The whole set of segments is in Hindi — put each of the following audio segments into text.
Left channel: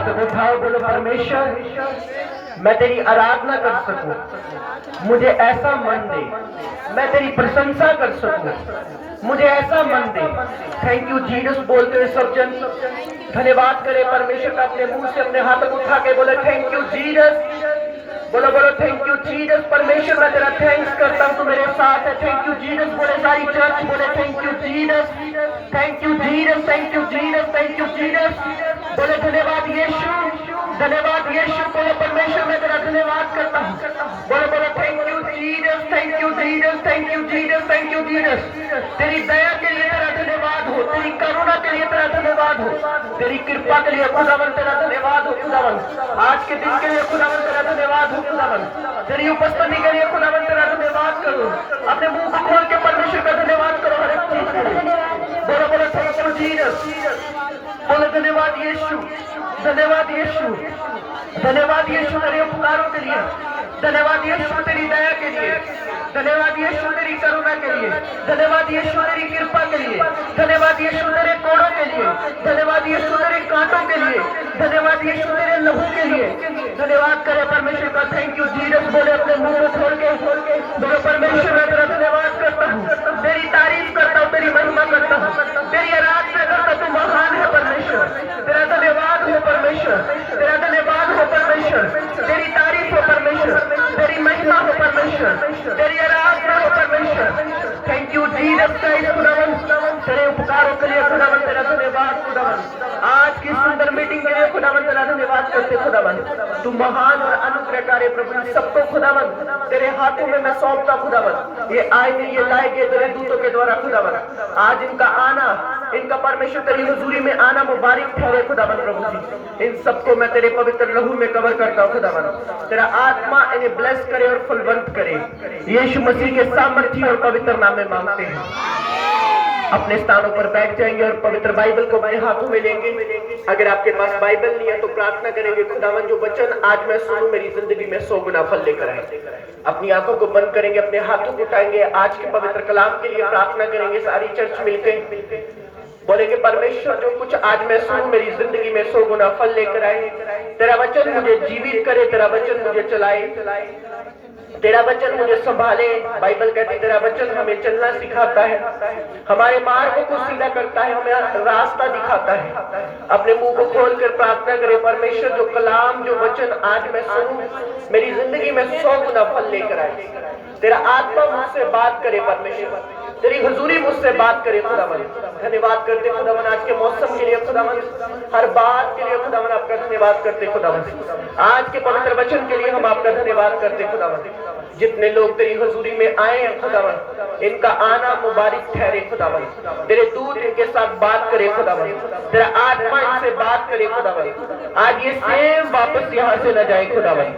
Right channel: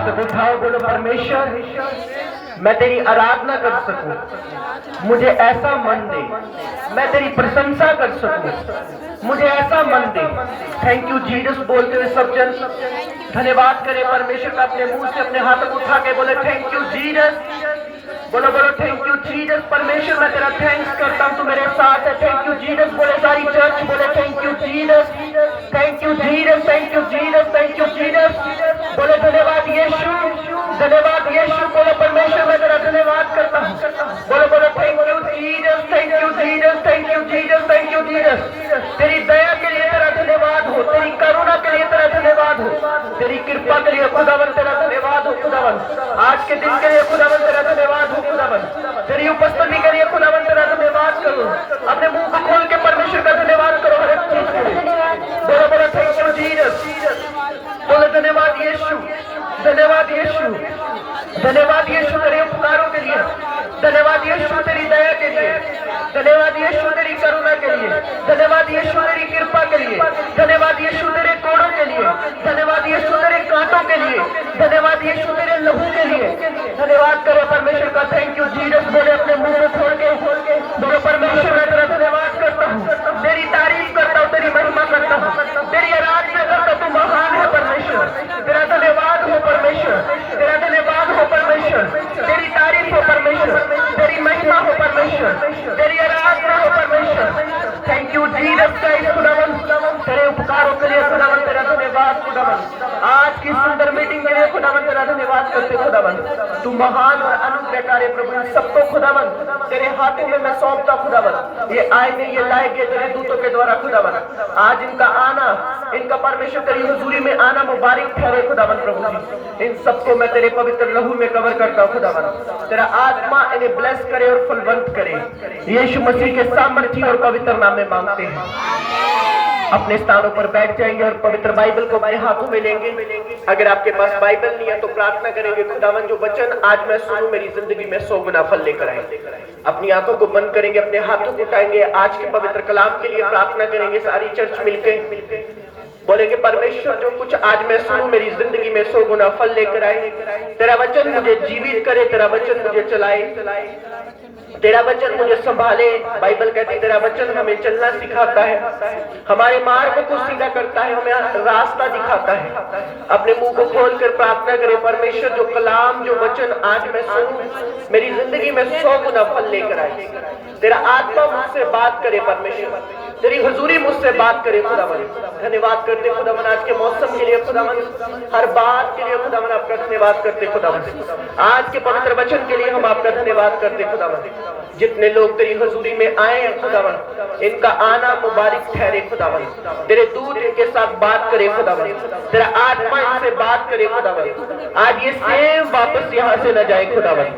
हाथ उठाओ, बोलो परमेश्वर मैं तेरी आराधना कर सकूं, मुझे ऐसा मन दे, मैं तेरी प्रशंसा कर सकूं, मुझे ऐसा मन दे। थैंक यू जीसस बोलते हुए सब जन धन्यवाद करें परमेश्वर का, अपने मुंह से अपने हाथों को उठा के बोले थैंक यू जीसस। बोलो बोलो थैंक यू जीसस। परमेश्वर मैं तेरा थैंक्स करता हूँ, तू मेरे साथ है। थैंक यू जीसस बोले सारी चर्च, बोले thank you Jesus, thank you Jesus, thank you Jesus, thank you Jesus. बोले धन्यवाद यीशु, धन्यवाद यीशु। बोले परमेश्वर मैं तेरा धन्यवाद करता हूँ। बोलो बोलो thank you Jesus, thank you Jesus, thank you Jesus, thank you Jesus. तेरी दया के लिए तेरा धन्यवाद हो, तेरी करुणा के लिए तेरा धन्यवाद हो, तेरी कृपा के लिए खुदावन तेरा धन्यवाद हो। खुदावन आज के दिन के लिए खुदावन तेरा धन्यवाद हो। खुदावन तेरी उपस्थिति के लिए खुदावन तेरा धन्यवाद करो। अपने मुंह को खोल के परमेश्वर का धन्यवाद करो हर एक चीज के लिए। बोलो बोलो थैंक यू जीसस। बोलो धन्यवाद यीशु, धन्यवाद यीशु, धन्यवाद यीशु तेरे उपकारों के लिए, धन्यवाद यीशु तेरी दया के लिए, धन्यवाद यीशु तेरी करुणा के लिए, धन्यवाद यीशु तेरी कृपा के लिए, धन्यवाद यीशु तेरे कोड़ों के लिए, धन्यवाद यीशु तेरे कांटों के लिए, धन्यवाद यीशु तेरे लहू के लिए। धन्यवाद करे परमेश्वर का। थैंक यू जीसस बोले अपने मुंह को खोल के बोलो परमेश्वर मैं तेरा धन्यवाद करता हूँ, तेरी तारीफ करता हूँ, तेरी महिमा करता हूँ, तेरी आराधना करता हूँ। तू महान है परमेश्वर, तेरा धन्यवाद हो परमेश्वर, तेरा धन्यवाद हो परमेश्वर, तेरी तारीफ हो परमेश्वर, तेरी महिमा हो परमेश्वर, तेरी आराधना हो परमेश्वर। Thank you Jesus Christ. खुदावन तेरे उपकारों के लिए खुदावन तेरा धन्यवाद। खुदावन आज की सुंदर मीटिंग के लिए खुदावन तेरा धन्यवाद करते। खुदावन तू महान और अनुग्रहकारी प्रभु, सबको खुदावन तेरे हाथों में मैं सौंपता। खुदावन ये आएंगे, ये लाएंगे तेरे दूतों के द्वारा। खुदावन आज इनका आना, इनका परमेश्वर तेरी हुजूरी में आना मुबारक ठहरे। खुदावन प्रभु जी इन सबको मैं तेरे पवित्र लहू में कवर करता हूँ। खुदावन तेरा आत्मा इन्हें ब्लेस करे और फलवंत करे। यीशु मसीह के सामर्थ्य और पवित्र नाम में मांगते हैं। अपने स्थानों पर बैठ जाएंगे और पवित्र बाइबल को अपने हाथों में लेंगे। अगर आपके पास बाइबल नहीं है तो प्रार्थना करेंगे, खुदावन जो वचन आज मैं सुनूं मेरी जिंदगी में 100 गुना फल लेकर आए। अपनी आंखों को बंद करेंगे, अपने हाथों को उठाएंगे, आज के पवित्र कलाम के लिए प्रार्थना करेंगे। सारी चर्च मिलकर बोलेंगे परमेश्वर जो कुछ आज मैं सुनूं मेरी जिंदगी में 100 गुना फल लेकर आए। तेरा वचन मुझे जीवित करे, तेरा वचन मुझे चलाए, तेरा वचन मुझे संभाले। बाइबल कहती है तेरा वचन हमें चलना सिखाता है, हमारे मार्ग को सीधा करता है, हमें रास्ता दिखाता है। अपने मुंह को खोलकर प्रार्थना करें परमेश्वर जो कलाम जो वचन आज मैं सुनूं मेरी जिंदगी में 100 गुना फल लेकर आए। तेरा आत्मा मुझसे बात करे परमेश्वर, तेरी हुजूरी मुझसे बात करे। खुदावन धन्यवाद करते खुदावन आज के मौसम के लिए, खुदावन हर बात के लिए खुदावन आपका धन्यवाद करते। खुदावन आज के पवित्र वचन के लिए हम आपका धन्यवाद करते। खुदावन जितने लोग तेरी हुजूरी में आए हैं खुदावन इनका आना मुबारक ठहरे। खुदावन तेरे दूत इनके साथ बात करे। खुदावन तेरा आत्मा इनसे बात करे। खुदावन आज ये सेम वापस यहाँ से न जाए। खुदावन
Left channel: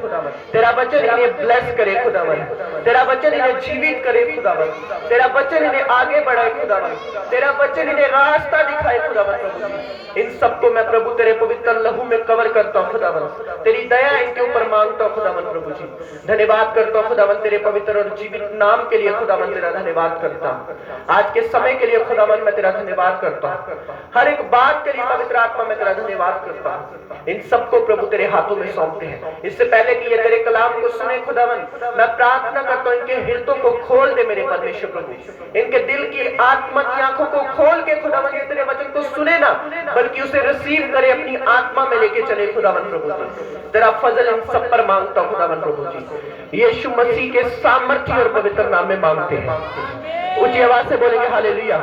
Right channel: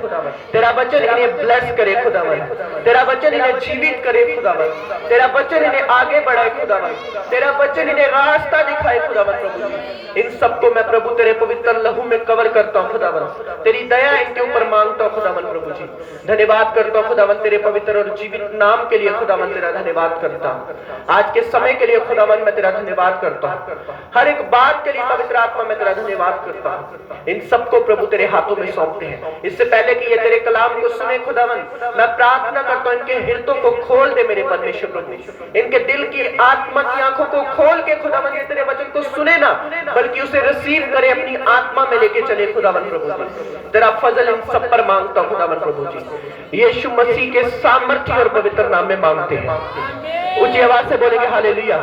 तेरा वचन इन्हें ब्लेस करे। खुदावन तेरा वचन इन्हें जीवित करे। खुदावन तेरा वचन इन्हें आगे बढ़ाए। खुदावन तेरा वचन इन्हें रास्ता दिखाए। खुदावन प्रभु इन सबको मैं प्रभु तेरे पवित्र लहू में कवर करता हूँ। खुदावन तेरी दया इनके ऊपर मांगता हूँ। खुदावन प्रभु जी धन्यवाद करता हूँ। खुदावन तेरे पवित्र और जीवित नाम के लिए खुदावन तेरा धन्यवाद करता हूँ। आज के समय के लिए खुदावन मैं तेरा धन्यवाद करता हूँ। हर एक बात के लिए पवित्र आत्मा मैं तेरा धन्यवाद करता हूँ। इन सबको प्रभु तेरे हाथों में सौंपते हैं। इससे पहले कि ये तेरे कलाम को सुने खुदावन मैं प्रार्थना करता हूँ इनके हृदयों को खोल दे मेरे परमेश्वर प्रभु, इनके दिल की आत्मा की आंखों को खोल के खुदावन ये तेरे वचन को सुने ना बल्कि उसे रिसीव करे, अपनी आत्मा में लेके चले। खुदावन प्रभु जी तेरा फजल इन सब पर मांगता हूँ। खुदावन प्रभु जी यीशु मसीह के सामर्थ्य और पवित्र नाम में मांगते हैं। ऊंची आवाज से बोलेंगे हालेलुया।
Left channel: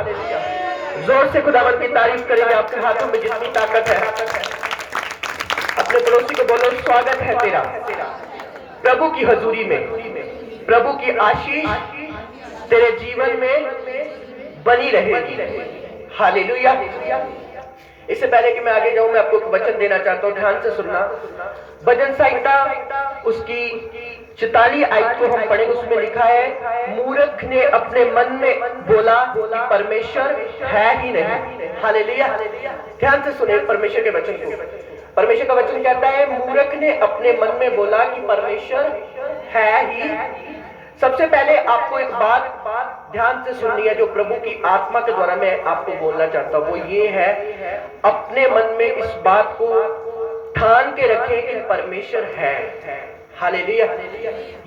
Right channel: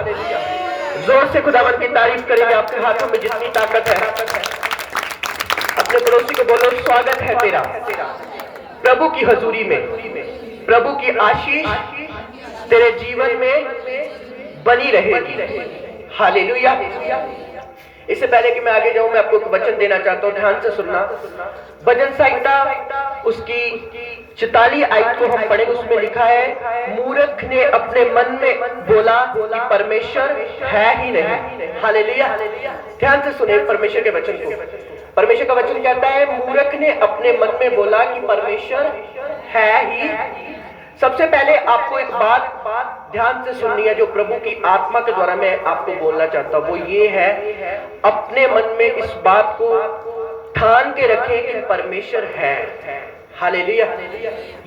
जोर से खुदावन की तारीफ करेंगे। आपके हाथों में जितनी ताकत है अपने पड़ोसी को बोलो स्वागत है तेरा प्रभु की हजूरी में। प्रभु की आशीष तेरे जीवन में बनी रहेगी। हालेलुया। इससे पहले कि मैं आगे जाऊं मैं आपको एक वचन देना चाहता हूं, ध्यान से सुनना। भजन संहिता उसकी 44 आयत को हम पढ़ेंगे। उसमें लिखा है मूर्ख ने अपने मन में बोला कि परमेश्वर है ही नहीं। हालेलुया। ध्यान से सुने परमेश्वर के वचन को। परमेश्वर का वचन कहता है मूर्ख ने अपने मन में बोला कि परमेश्वर है ही। सबसे पहले आपको एक बात ध्यान से सुननी है जो प्रभु की आत्मा के द्वारा मैं आपको बोलना चाहता हूं, वो ये है अपने मन में इस बात को ठान के रखें कि परमेश्वर है। हालेलुया।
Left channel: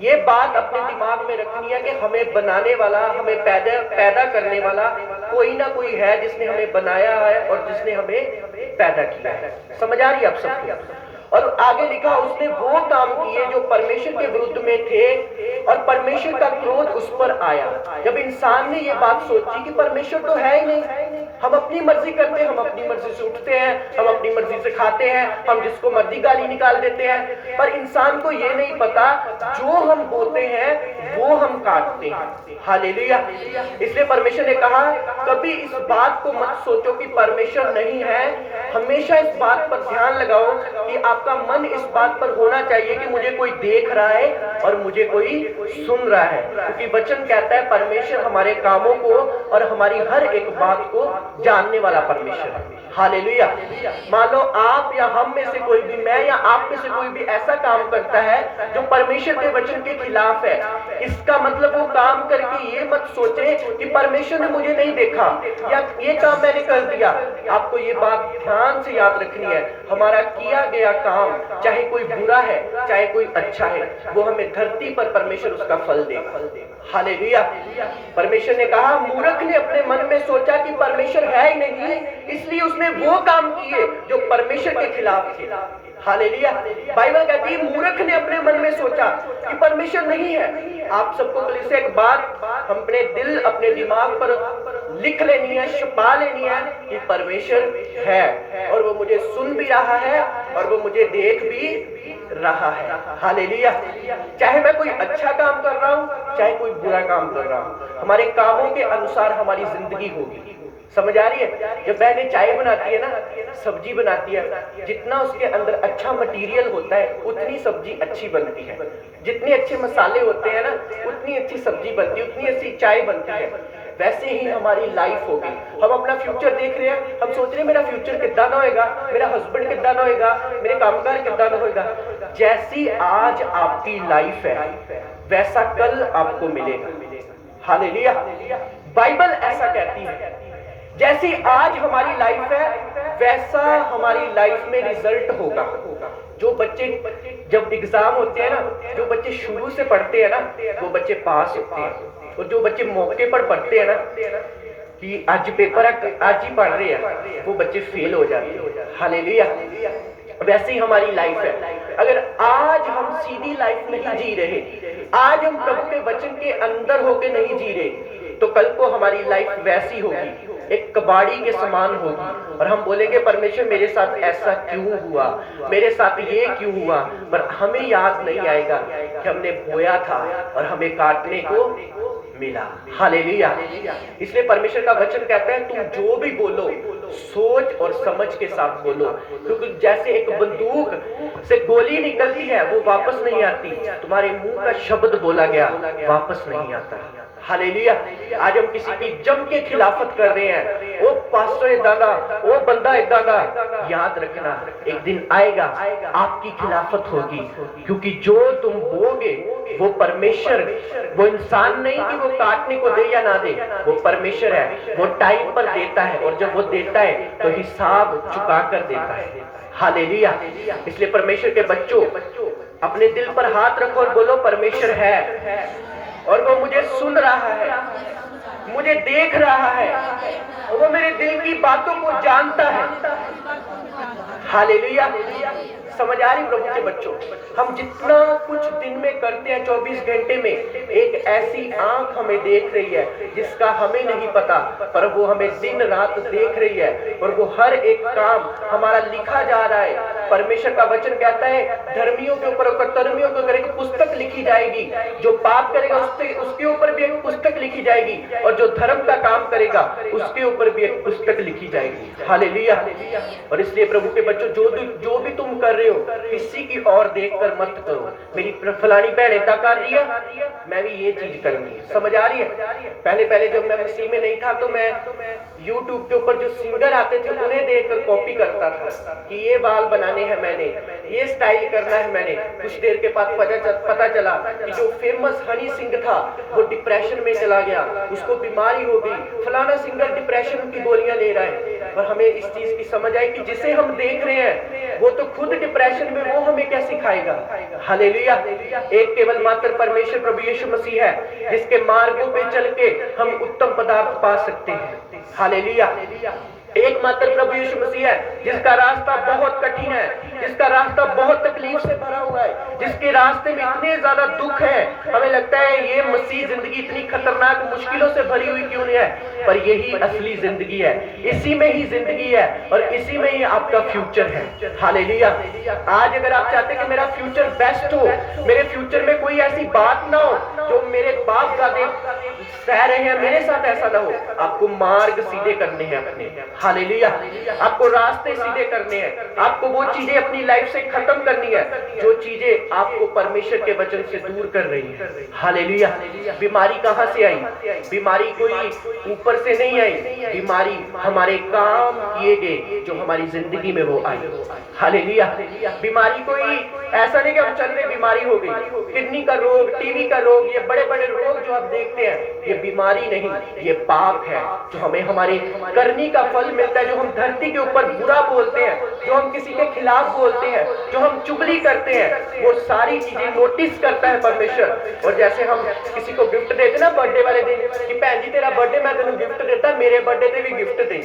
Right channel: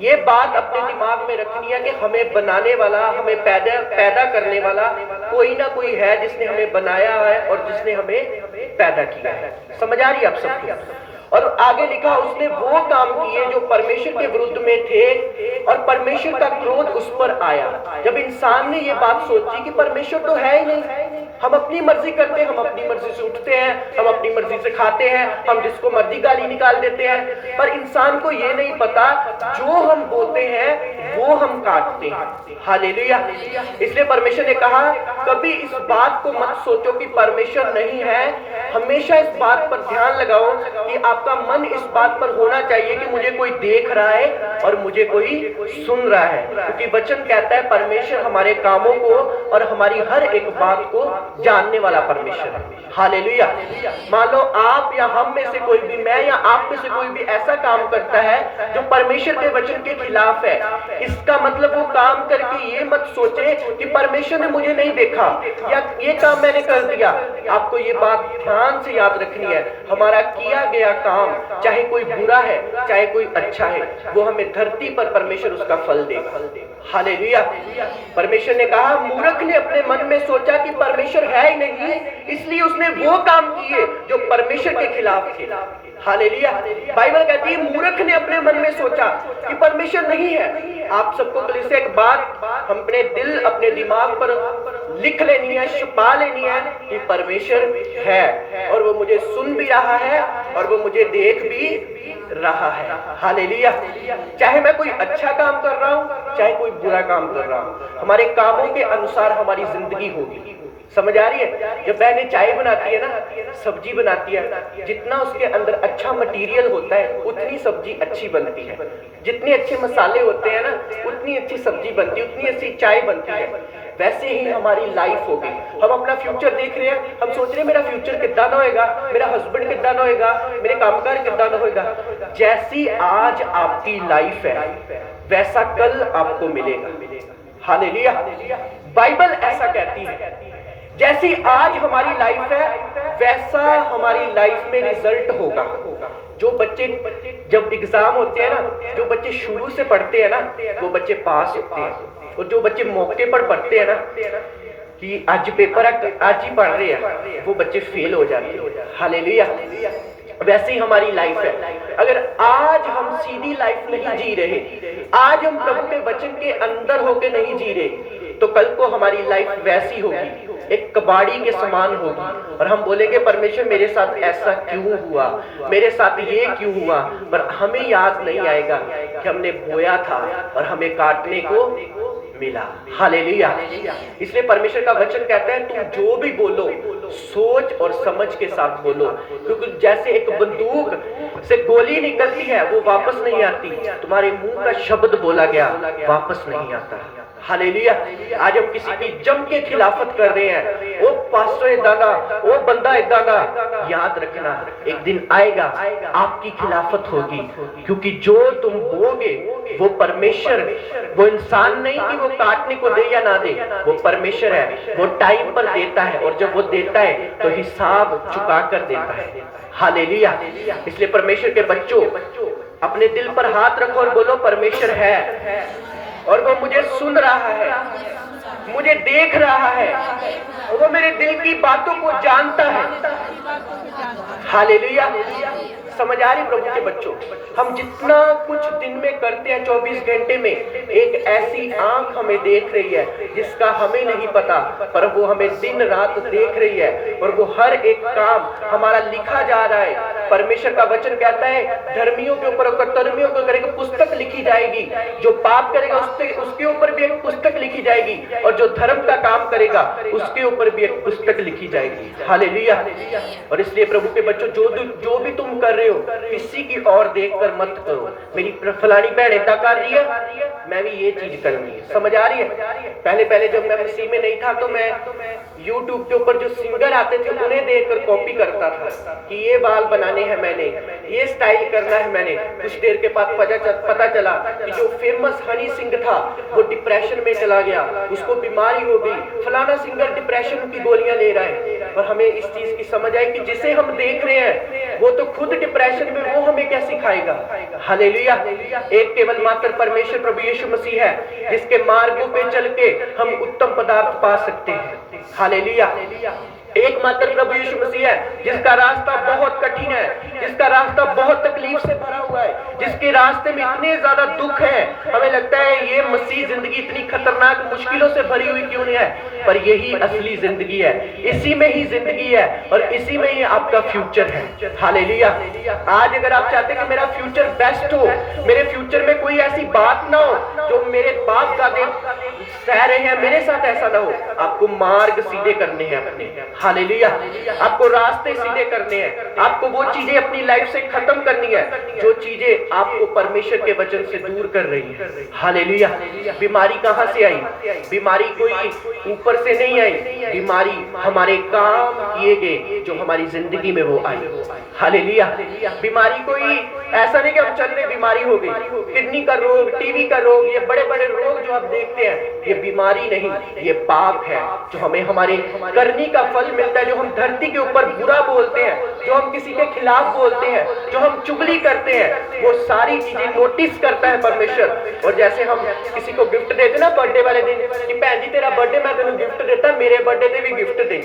ये बात अपने दिमाग में रखनी है कि हमें बनाने वाला, हमें पैदा करने वाला कोई ना कोई है जिसने हमें बनाया है और जिसने हमें पैदा किया है। समझ आ रही है आप सबको? और आगे लिखा, उसने वो काम किए जो परमेश्वर के विरुद्ध में थे और परमेश्वर का क्रोध उस पर आया। जब इंसान ने ये बात सोची कि परमेश्वर तो है ही नहीं, हम अपनी मर्जी करते हैं, हम अपनी मर्जी से उठते हैं, हम अपनी मर्जी से खाते हैं, हम जिसको मर्जी गाली निकाल देते हैं, पर इंसान को ये नहीं पता जो हम बोते हैं वो हम काटते हैं। हालेलुया। इसलिए परमेश्वर ने कहा, कभी इस बात को मत सोचो कि परमेश्वर नहीं है। हमेशा इस बात पर ध्यान लगाओ कि आपका मन इस बात पर होना चाहिए कि मुझे कोई देख रहा है और मुझे कोई सुन रहा है, क्योंकि वचन कहता है परमेश्वर हमारे कामों को और हमारी हर एक बात को जानने वाला परमेश्वर है। हालेलुया। मान लो आप या हम में से कोई भी, मैं या आप में से कोई भी ऐसा काम करता है जो परमेश्वर के वचन के खिलाफ है, इसका मतलब वो काम करके ये मत सोचे कि परमेश्वर ने मुझे नहीं देखा या ये काम मैंने कर दिया। आपको ये बात ध्यान से याद रखनी है, हमारा किया गया काम चाहे कोई बुरा है चाहे कोई अच्छा है, वो हमें धरती पर परमेश्वर उसका फल देगा। हालेलुया। परमेश्वर ने कहा, मूर्ख ने अपने मन में सोचा कि परमेश्वर है ही नहीं, इसलिए उसने वो काम किए जो परमेश्वर के खिलाफ थे। हालेलुया। बाइबल कहती है मूर्ख ने अपने मन में सोचा कि परमेश्वर नहीं है। आप सबको कल से एक बात हम अपने दिल, अपने दिमाग पर लिख लेनी है, छुपा लेनी है कि परमेश्वर है और वो मुझे सुन भी रहा है और वो मुझे देख भी रहा है। हालेलुया। चाहे मैं कोई अच्छा काम कर रहा हूं चाहे कोई बुरा काम कर रहा हूं, हमारे कामों के अनुसार हमारी जिंदगी होगी। समझ आ रही है? जब बहनें चाय बनाती है ना, सब्जी बनाती है, जितना उसके अंदर अच्छा मटेरियल होता है उतनी सब्जी अच्छी बनती है। जितने अच्छे मसाले होते हैं ना उतनी अच्छी सब्जी बनती है, उतनी अच्छी चाय बनती है। वैसे ही हमारी लाइफ होगी। हम अपना फ्यूचर देख रहे हैं, हम सोच रहे हैं मेरा फ्यूचर कितना ना होएगा, मेरा हस्बैंड कितना ना होएगा, मेरे कामगार कितना ना होएगा। जैसी आज आपकी लाइफ है वैसा कल आपको मिलेगा। हालेलुया। बाइबल ऐसा कहती है, जैसी आज हमारी लाइफ है वैसा हमारी लाइफ में रिजल्ट होगा। जो बच्चे जब एग्जाम होते हैं ना, जो बच्चे शुरू से पढ़ते हैं ना वो बच्चे पास होते हैं, और जो बच्चे मौके पर पढ़ते हैं ना कि आज पेपर आज ही पढ़ रहे हैं, वो बच्चे फेल हो जाते हैं। हालेलुया। वैसे ही हमारी लाइफ है। अगर आज हम सीधी लाइफ नहीं जी रहे, आज हम प्रभु के वचन के अंदर होके नहीं जी रहे, तो कल को हमारी लाइफ वैसी होगी, एक कबाड़ी के समान होगी, और हम बोलेंगे परमेश्वर मेरे साथ ऐसा क्यों हुआ, मेरे साथ ये क्यों हुआ, पर हमें याद नहीं आएगा कि हमने बोया था और हमें काटने को मिला। हालेलुया। इसलिए परमेश्वर का वचन कहता है तुम जो भी बोलो सोच और समझ के साथ बोलो, क्योंकि जैसे एक बंदूक से गोली निकलती है वो वापस नहीं आती, तुम्हारे मुंह का शब्द बोला गया वापस नहीं आता। हालेलुया। आज हम किसी की जम के खिलाफत कर रहे हैं, वो पास्टर इदा ना, वो बंदा इदा ना, याद रखना एक दिन आएगा आपकी खिलाफत होगी, क्योंकि जो तुम बोगे वो परमेश्वर, वो इंसान नहीं कि वो काटने को दे या ना दे, वो परमेश्वर है, वो टाइम पर देता है, और जब वो देता है तो हिसाब चुका कर देता है। हालेलुया। इसलिए परमेश्वर के बच्चों अपने दिल पर हाथ रखो और बोलो परमेश्वर है और वो मुझे सुन रहा है, मुझे देख रहा है, वो मेरे दिल की बातों को जानता है। हालेलुया। समझ आ रही प्रभु के बच्चों? हम जितना कुछ दिन में करते हैं 24 घंटे में, एक ऐसी आंख हमें देख रही है जिसका हमें नहीं पता, पर वो हमें दिन रात देख रही है और वो हर एक काम हमारा लिखा जा रहा है। परमेश्वर का वचन कहता है धर्मियों के ऊपर और कर्मियों के ऊपर एक पुस्तक लिखी जाएगी, जो पाप करेगा उसके ऊपर भी एक पुस्तक लिखी जाएगी, और जो धर्म का काम करेगा उसके ऊपर भी एक पुस्तक लिखी जाएगी। हालेलुया। और इसलिए प्रभु के बच्चों जो भी तुम कर रहे हो किसी की ओर देखकर मत करो, मेरी फलानी बहन ऐसा कर रही है मैं भी ये चीज करूंगी। समझ आ रही है? पहले जब मैं मसीह में नहीं था तो मैं YouTube के ऊपर जो सिंगर आते थे उन्हें देखकर कॉपी करता था कि ये बाल बनाने हैं मैंने, ये स्टाइल करना है मैंने। कुछ देर के बाद पता चला कि जो फेमस हनी सिंह था वो डिप्रेशन में चला गया, उसको बीमारी हो गई, फलाना सिंगर डिप्रेशन की गोलियां ले रहा है। और हमें इस चीज की समझ आई कि जिसे हम देख रहे हैं वो तो खुद डिप्रेशन में, वो हमें क्या सिखाएगा। हालेलुया। एक केवल मात्र परमेश्वर प्रभु यीशु मसीह है जिसके मार्गों पे चल के हम उत्तम पदार्थ पा सकते हैं। हालेलुया। एकमात्र प्रभु यीशु मसीह है जिसका रास्ता बहुत कठिन है, जिसका रास्ता बहुत तकलीफ से भरा हुआ है, जिसके रास्ते में इतने ज्यादा दुख है, हमें लगता है ये मसीह जिंदगी इतनी खतरनाक मुश्किलों से भरी हुई क्यों नहीं है, पर यही असली जिंदगी है, इसी में ही जिंदगी है और इसी में ही आपका फ्यूचर है। हालेलुया। आज अगर आप चाहते हैं कि मेरा फ्यूचर बेस्ट हो, मेरे फ्यूचर में कोई ऐसी बात ना हो जो मेरे बाप दादे सह रहे हैं, मेरे साथ ऐसा ना हो, आपको मार्ग सीधे करने हैं अपने। हालेलुया। आपको रास्ते सीधे करने हैं, आपको वो चीजें अपनी लाइफ से खत्म करनी है जो चीजें आपको परमेश्वर के वचन से दूर कर रही है। हालेलुया। बीमारी कहां से आई? बीमारी कोई ऊपर से नहीं आई, बीमारी हमारे काम किए गए जो हमारी जिंदगी में वो आई। हालेलुया। बीमारी कोई ऐसा नहीं कि हम चल रहे बीमारी हो गई, किडनी का रोग, टीवी का रोग, ये बड़े बड़े रोग जो आप देखते हैं, ये बीमारी नहीं, ये पाप है जो हमें हमारे करनी का फल मिलता है, जो हम धरती के ऊपर बुरा बोलते हैं, जो हम किसी के खिलाफ बोलते हैं, जो हम चुगली करते हैं, वो सारी चीजें नोटिस करता है परमेश्वर। और जैसे हम किसी को गिफ्ट देते ना बर्थडे वाले दिन कि भैन जी तेरा बर्थडे मैं तेन गिफ्ट देता, मेरे बर्थडे पे भी गिफ्ट दे,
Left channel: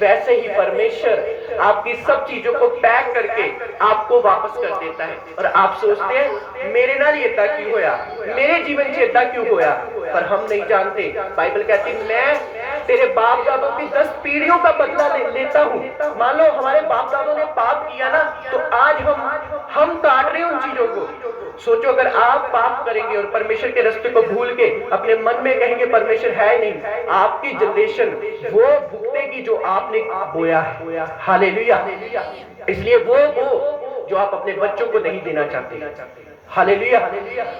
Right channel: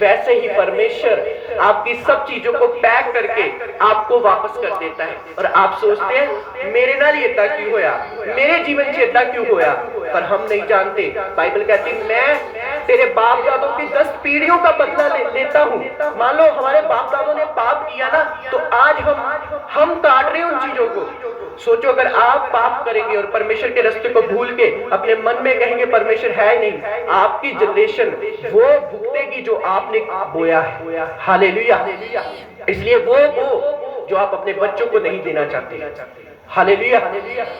वैसे ही परमेश्वर आपकी सब चीजों को पैक करके आपको वापस कर देता है। और आप सोचते हैं मेरे नाल ये इतना क्यों होया, मेरे जीवन से इतना क्यों होया, पर हम नहीं जानते। बाइबल कहती मैं तेरे बाप दादों की 10 पीढ़ियों का बदला लेता हूँ। मान लो हमारे बाप दादों ने पाप किया ना, तो आज हम काट रहे हैं उन चीजों को। सोचो अगर आप पाप करेंगे और परमेश्वर के रास्ते को भूल के अपने मन में कहेंगे परमेश्वर है नहीं, आपकी जनरेशन वो भुगतेगी जो आपने बोया है। हालेलुया। इसलिए वो जो आप अपने बच्चों को नहीं देना चाहते। हालेलुया।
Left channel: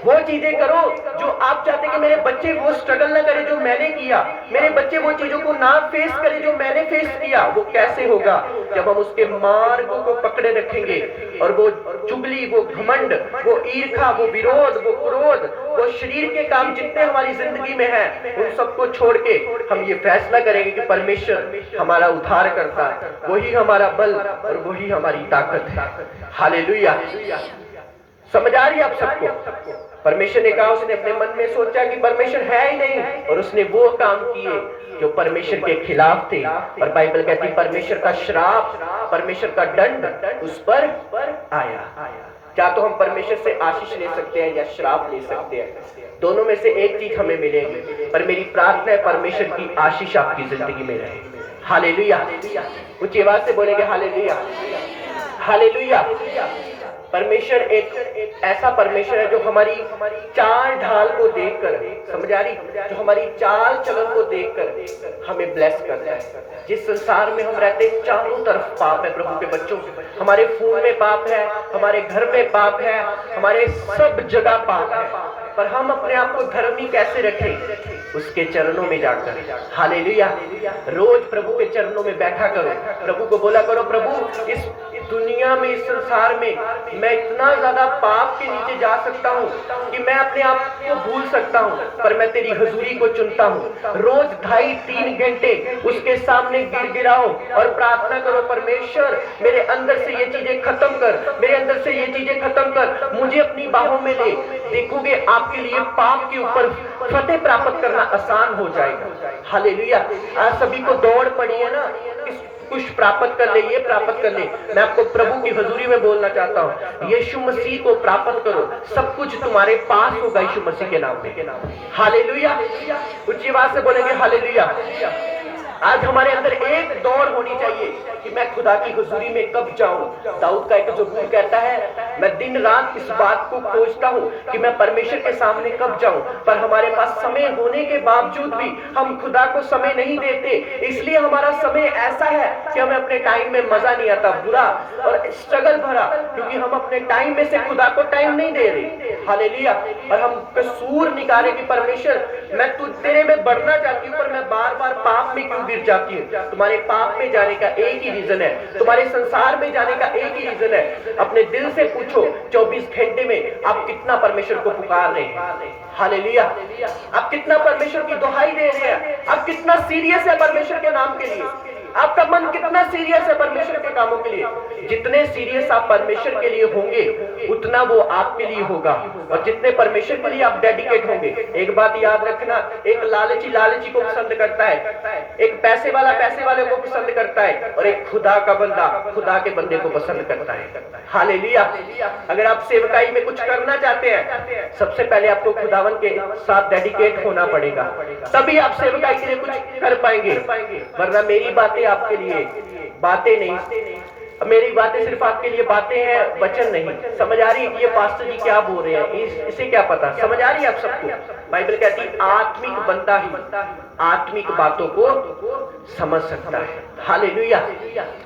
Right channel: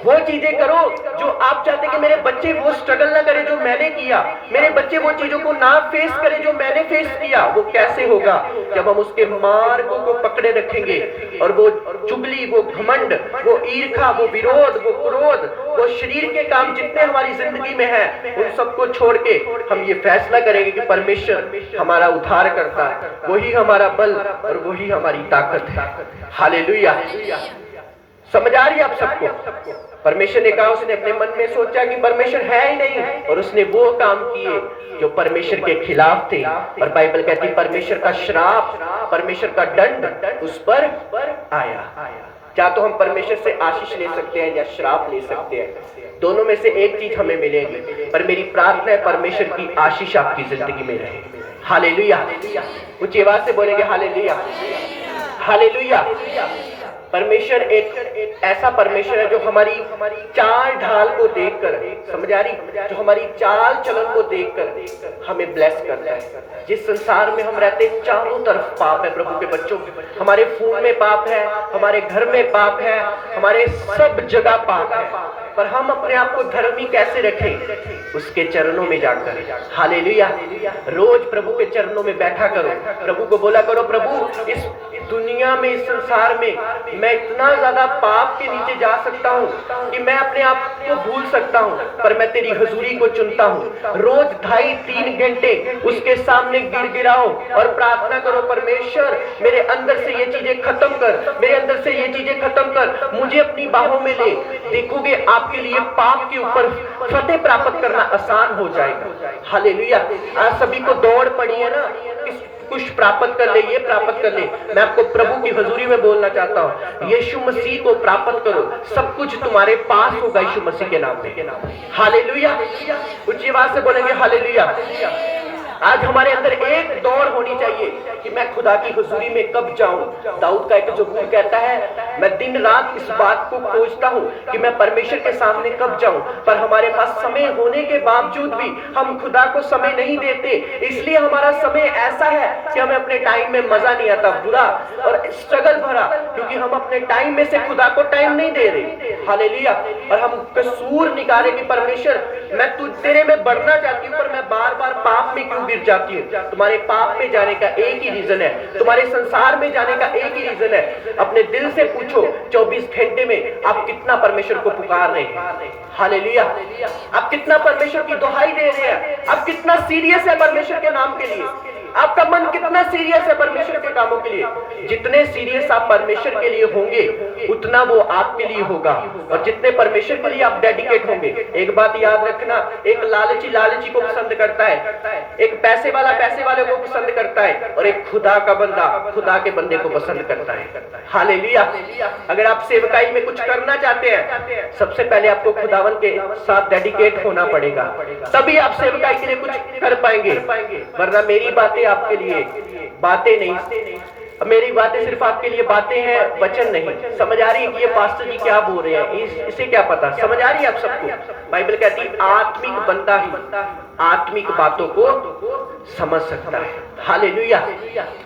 वो चीजें करो जो आप चाहते कि मेरे बच्चे वो स्ट्रगल ना करें जो मैंने किया, मेरे बच्चे वो चीजों को ना फेस करें जो मैंने फेस किया। वो कैसे होगा? जब हम उसके मार्गों को पकड़े रखेंगे और वो चुगली, वो घमंड, वो ईर्खा, वो विरोध, वो क्रोध, वो शरीर के काम जितने हमारी जिंदगी में है, उन सबको छोड़ के हम ये फैसला करेंगे कि परमेश्वर हमारा उद्धार करता है, वही हमारा बल और वही हमारी ताकत है। हालेलुया। समझ आ रही है आप सबको? परमेश्वर ने कहा, उसने अपने मन में सोचा कि परमेश्वर है ही नहीं, और उसने वो काम किए जो परमेश्वर के खिलाफ थे। और बाइबल कहती है परमेश्वर का श्राप, परमेश्वर का दंड उस पर आया। क्या तो हम परमेश्वर से आशीष ले सकते हैं या श्राप ले सकते हैं, दोनों में से एक चीज हमें मिलेगी। पर मेरी प्रार्थना है परमेश्वर की आशीष आपकी जिंदगी में रहे। हालेलुया। ऊंची आवाज से बोलेंगे हालेलुया। हालेलुया। परमेश्वर एक ऐसा परमेश्वर है जो हमारी चाल ढाल को देखकर, समझ आ रही, जो हमारी चाल चलन को देखकर हमें ब्लेस करता है। जिस संसार में हम रहते हैं चारों तरफ पाप है प्रभु के बच्चों, हमारे खून में पाप है, हमारे घर में पाप है, हमारे सब जगह पाप है, पर हम अपने आप को धर्मी कैसे रखें? उसके चरणों में जाकर। हालेलुया। रोज प्रभु के चरणों में बैठा करो, प्रभु को बोला करो प्रभु इस दुनिया में, इस संसार में मैं इतना ज्यादा पाप के नीचे जा सकता हूँ कि मैं अपने आप को भूल सकता हूँ, पर मैं तेरी हुजूरी को चुनता हूँ। रोज 2.5-3 घंटे उसके सामने गिड़गिड़ाओ और प्रार्थना करो परमेश्वर मेरे अंदर से ये चीजें खत्म कर, मेरे अंदर से ये चीजें खत्म कर, मुझे अपनी बाहों में ले। देखोगे आपके लिए पाप के ऊपर फतेह प्राप्त करना आसान हो जाएगा। हालेलुया। आज सभी को दौड़ पड़ी है ना, कुछ प्राप्त कर ले, ये प्राप्त कर ले। मैं आपको प्रभु की हजूरी में बोलना चाहता हूँ, यीशु मसीह को प्राप्त करो, सब कुछ तुम्हारे पास होगा यीशु मसीह के नाम में। हालेलुया। उच्च आवाज से बोलेंगे हालेलुया। आज हमारे अंदर एक दौड़ होनी चाहिए कि मैं खुदा की हुजूरी में कब जाऊं। दाऊद का एक ज़बूर कहता है मैं दिन रात इस बात को खोजता हूं कि मैं परमेश्वर के सामने कब जाऊं, पर हमारे पास समय होने के बावजूद भी हम खुदा को समय नहीं देते। इसलिए हमारा समय ऐसा है कि हमें अपने टाइम में मजा नहीं आता, बुरा और स्ट्रगल भरा, क्योंकि हम अपने टाइम में से खुदा को टाइम नहीं दे रहे। हालेलुया। और हम कसूर निकाले कि परमेश्वर मैं तेरे में बढ़ना चाहती हूँ, पर मैं बार बार पाप में क्यों गिर जाती हूँ। तुम्हारे पाप में जाने का एक ही रीजन है, तुम्हारे संसार में जाने का एक ही रीजन है। अपने दिल से पूछो 24 घंटे में आप कितना परमेश्वर को पुकार रहे हैं। हालेलुया। आप कितना परमेश्वर की दुहाई दे रहे हैं, आप कितना सीरियस है परमेश्वर के नाम के लिए। आपका मन कितना सीरियस है परमेश्वर के कामों के लिए। जितने सीरियस आप परमेश्वर के लिए होंगे उतना वो आपके लिए होगा, और जितने परमेश्वर के लिए आप डेडिकेट होंगे। एक बात याद रखना, एक लालची लालची को पसंद करता है, एक पैसे वाला पैसे वाले को पसंद करता है, और एक खुदा का बंदा खुदा के बंदे को पसंद करता है। हालेलुया। अगर आप सेवकाई में कुछ करना चाहते हैं, सबसे पहले आपको खुदावन के साथ डेडिकेट होना पड़ेगा, तभी आप सेवकाई के लिए कुछ कर पाएंगे। वरना मेरी बातें आपके लिए बातें नहीं, मेरी बातें सिर्फ आपके लिए बातें हैं, वचन नहीं। समझ आ रही है कि ये पास्टर जी क्या बोल रहे हैं, इसे क्या पता? समझ आ रही है आप सबको? बाइबल कहती है आत्मिक बंदा ही आत्मिक बातों को समझ सकता है। हालेलुया।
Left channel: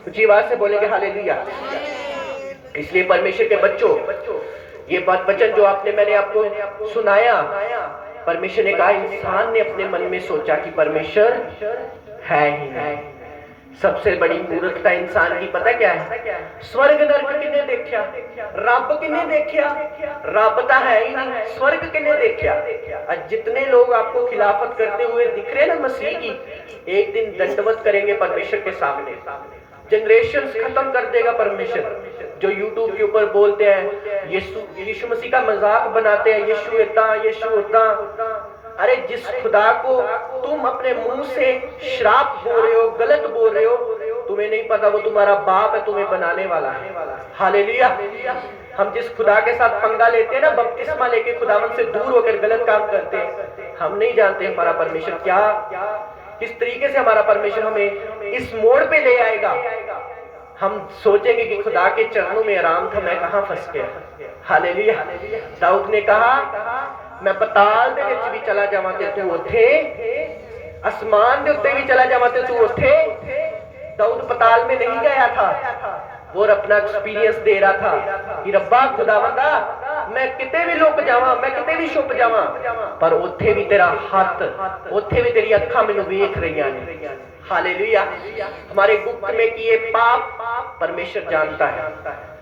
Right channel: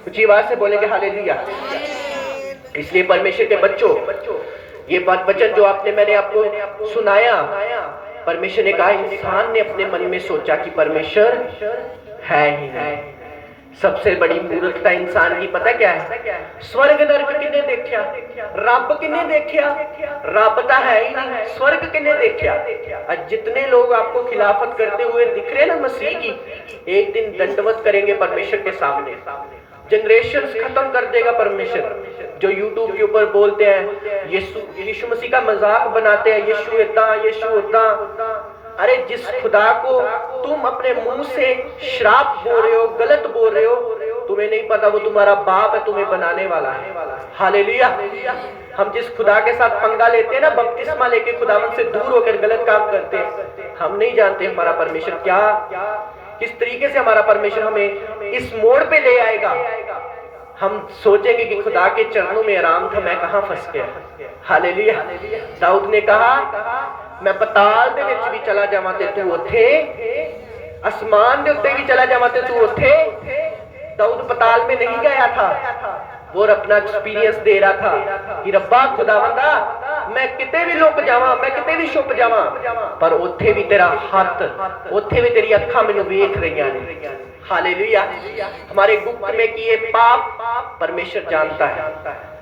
ऊंची आवाज से बोलेंगे हालेलुया। इसलिए परमेश्वर के बच्चों, ये वचन जो मैंने आपको सुनाया, परमेश्वर ने कहा, इंसान ने अपने मन में सोचा कि परमेश्वर है ही नहीं। सबसे बड़ी मूर्खता इंसान की पता क्या है? स्वर्ग नरक किन्ने देखा, रब किन्ने देखा? रब तो है ही नहीं, स्वर्ग किन्ने देखा? आज जितने लोग आपको खिलाफत करते हुए दिख रहे ना मसीह की, एक दिन दंडवत करेंगे परमेश्वर के सामने। जनरेशन खत्म कर देगा परमेश्वर। जो यूट्यूब के ऊपर बोलते हैं यीशु मसीह का मजाक बनाते हैं, यीशु इतना यीशु उतना। अरे जिस खुदा को तुम अपने मुंह से श्राप बोल रहे हो, गलत बोल रहे हो, तुम्हें नहीं पता वो तुम्हारा बाप है, तुम्हें बनाने वाला है। हालेलुया। हम जिस खुदा के साथ पंगा लेते हैं ना, बपतिस्मा लेके खुदावन से दूर होकर गलत काम करते हैं, हम नहीं जानते हमारा परमेश्वर क्या किस तरीके से हमारा परमेश्वर हमें इस मोड़ पे ले आएगा। हम सोचेंगे कि खुदा के चरणों में आराम था, मैं कहां फंस गया। हालेलुया। दाऊद ने कहा, मैं पताल दे विच भी चला जावां ते तू उत्थे, आसमान दे उत्ते भी चला जावां ते तू उत्थे। दाऊद पताल में नहीं गया था, वो अपना एक्सपीरियंस दे रहा था कि रब्बा खुदावंदा, मैं किते भी लुक जावां, मैं किते भी छुप जावां, पर उत्थे भी तेरा हाथ, उत्थे भी तेरी अखां मैनूं वेख रहीआं ने। हालेलुया। हमारे गुप्त में किए पाप परमेश्वर जानता है,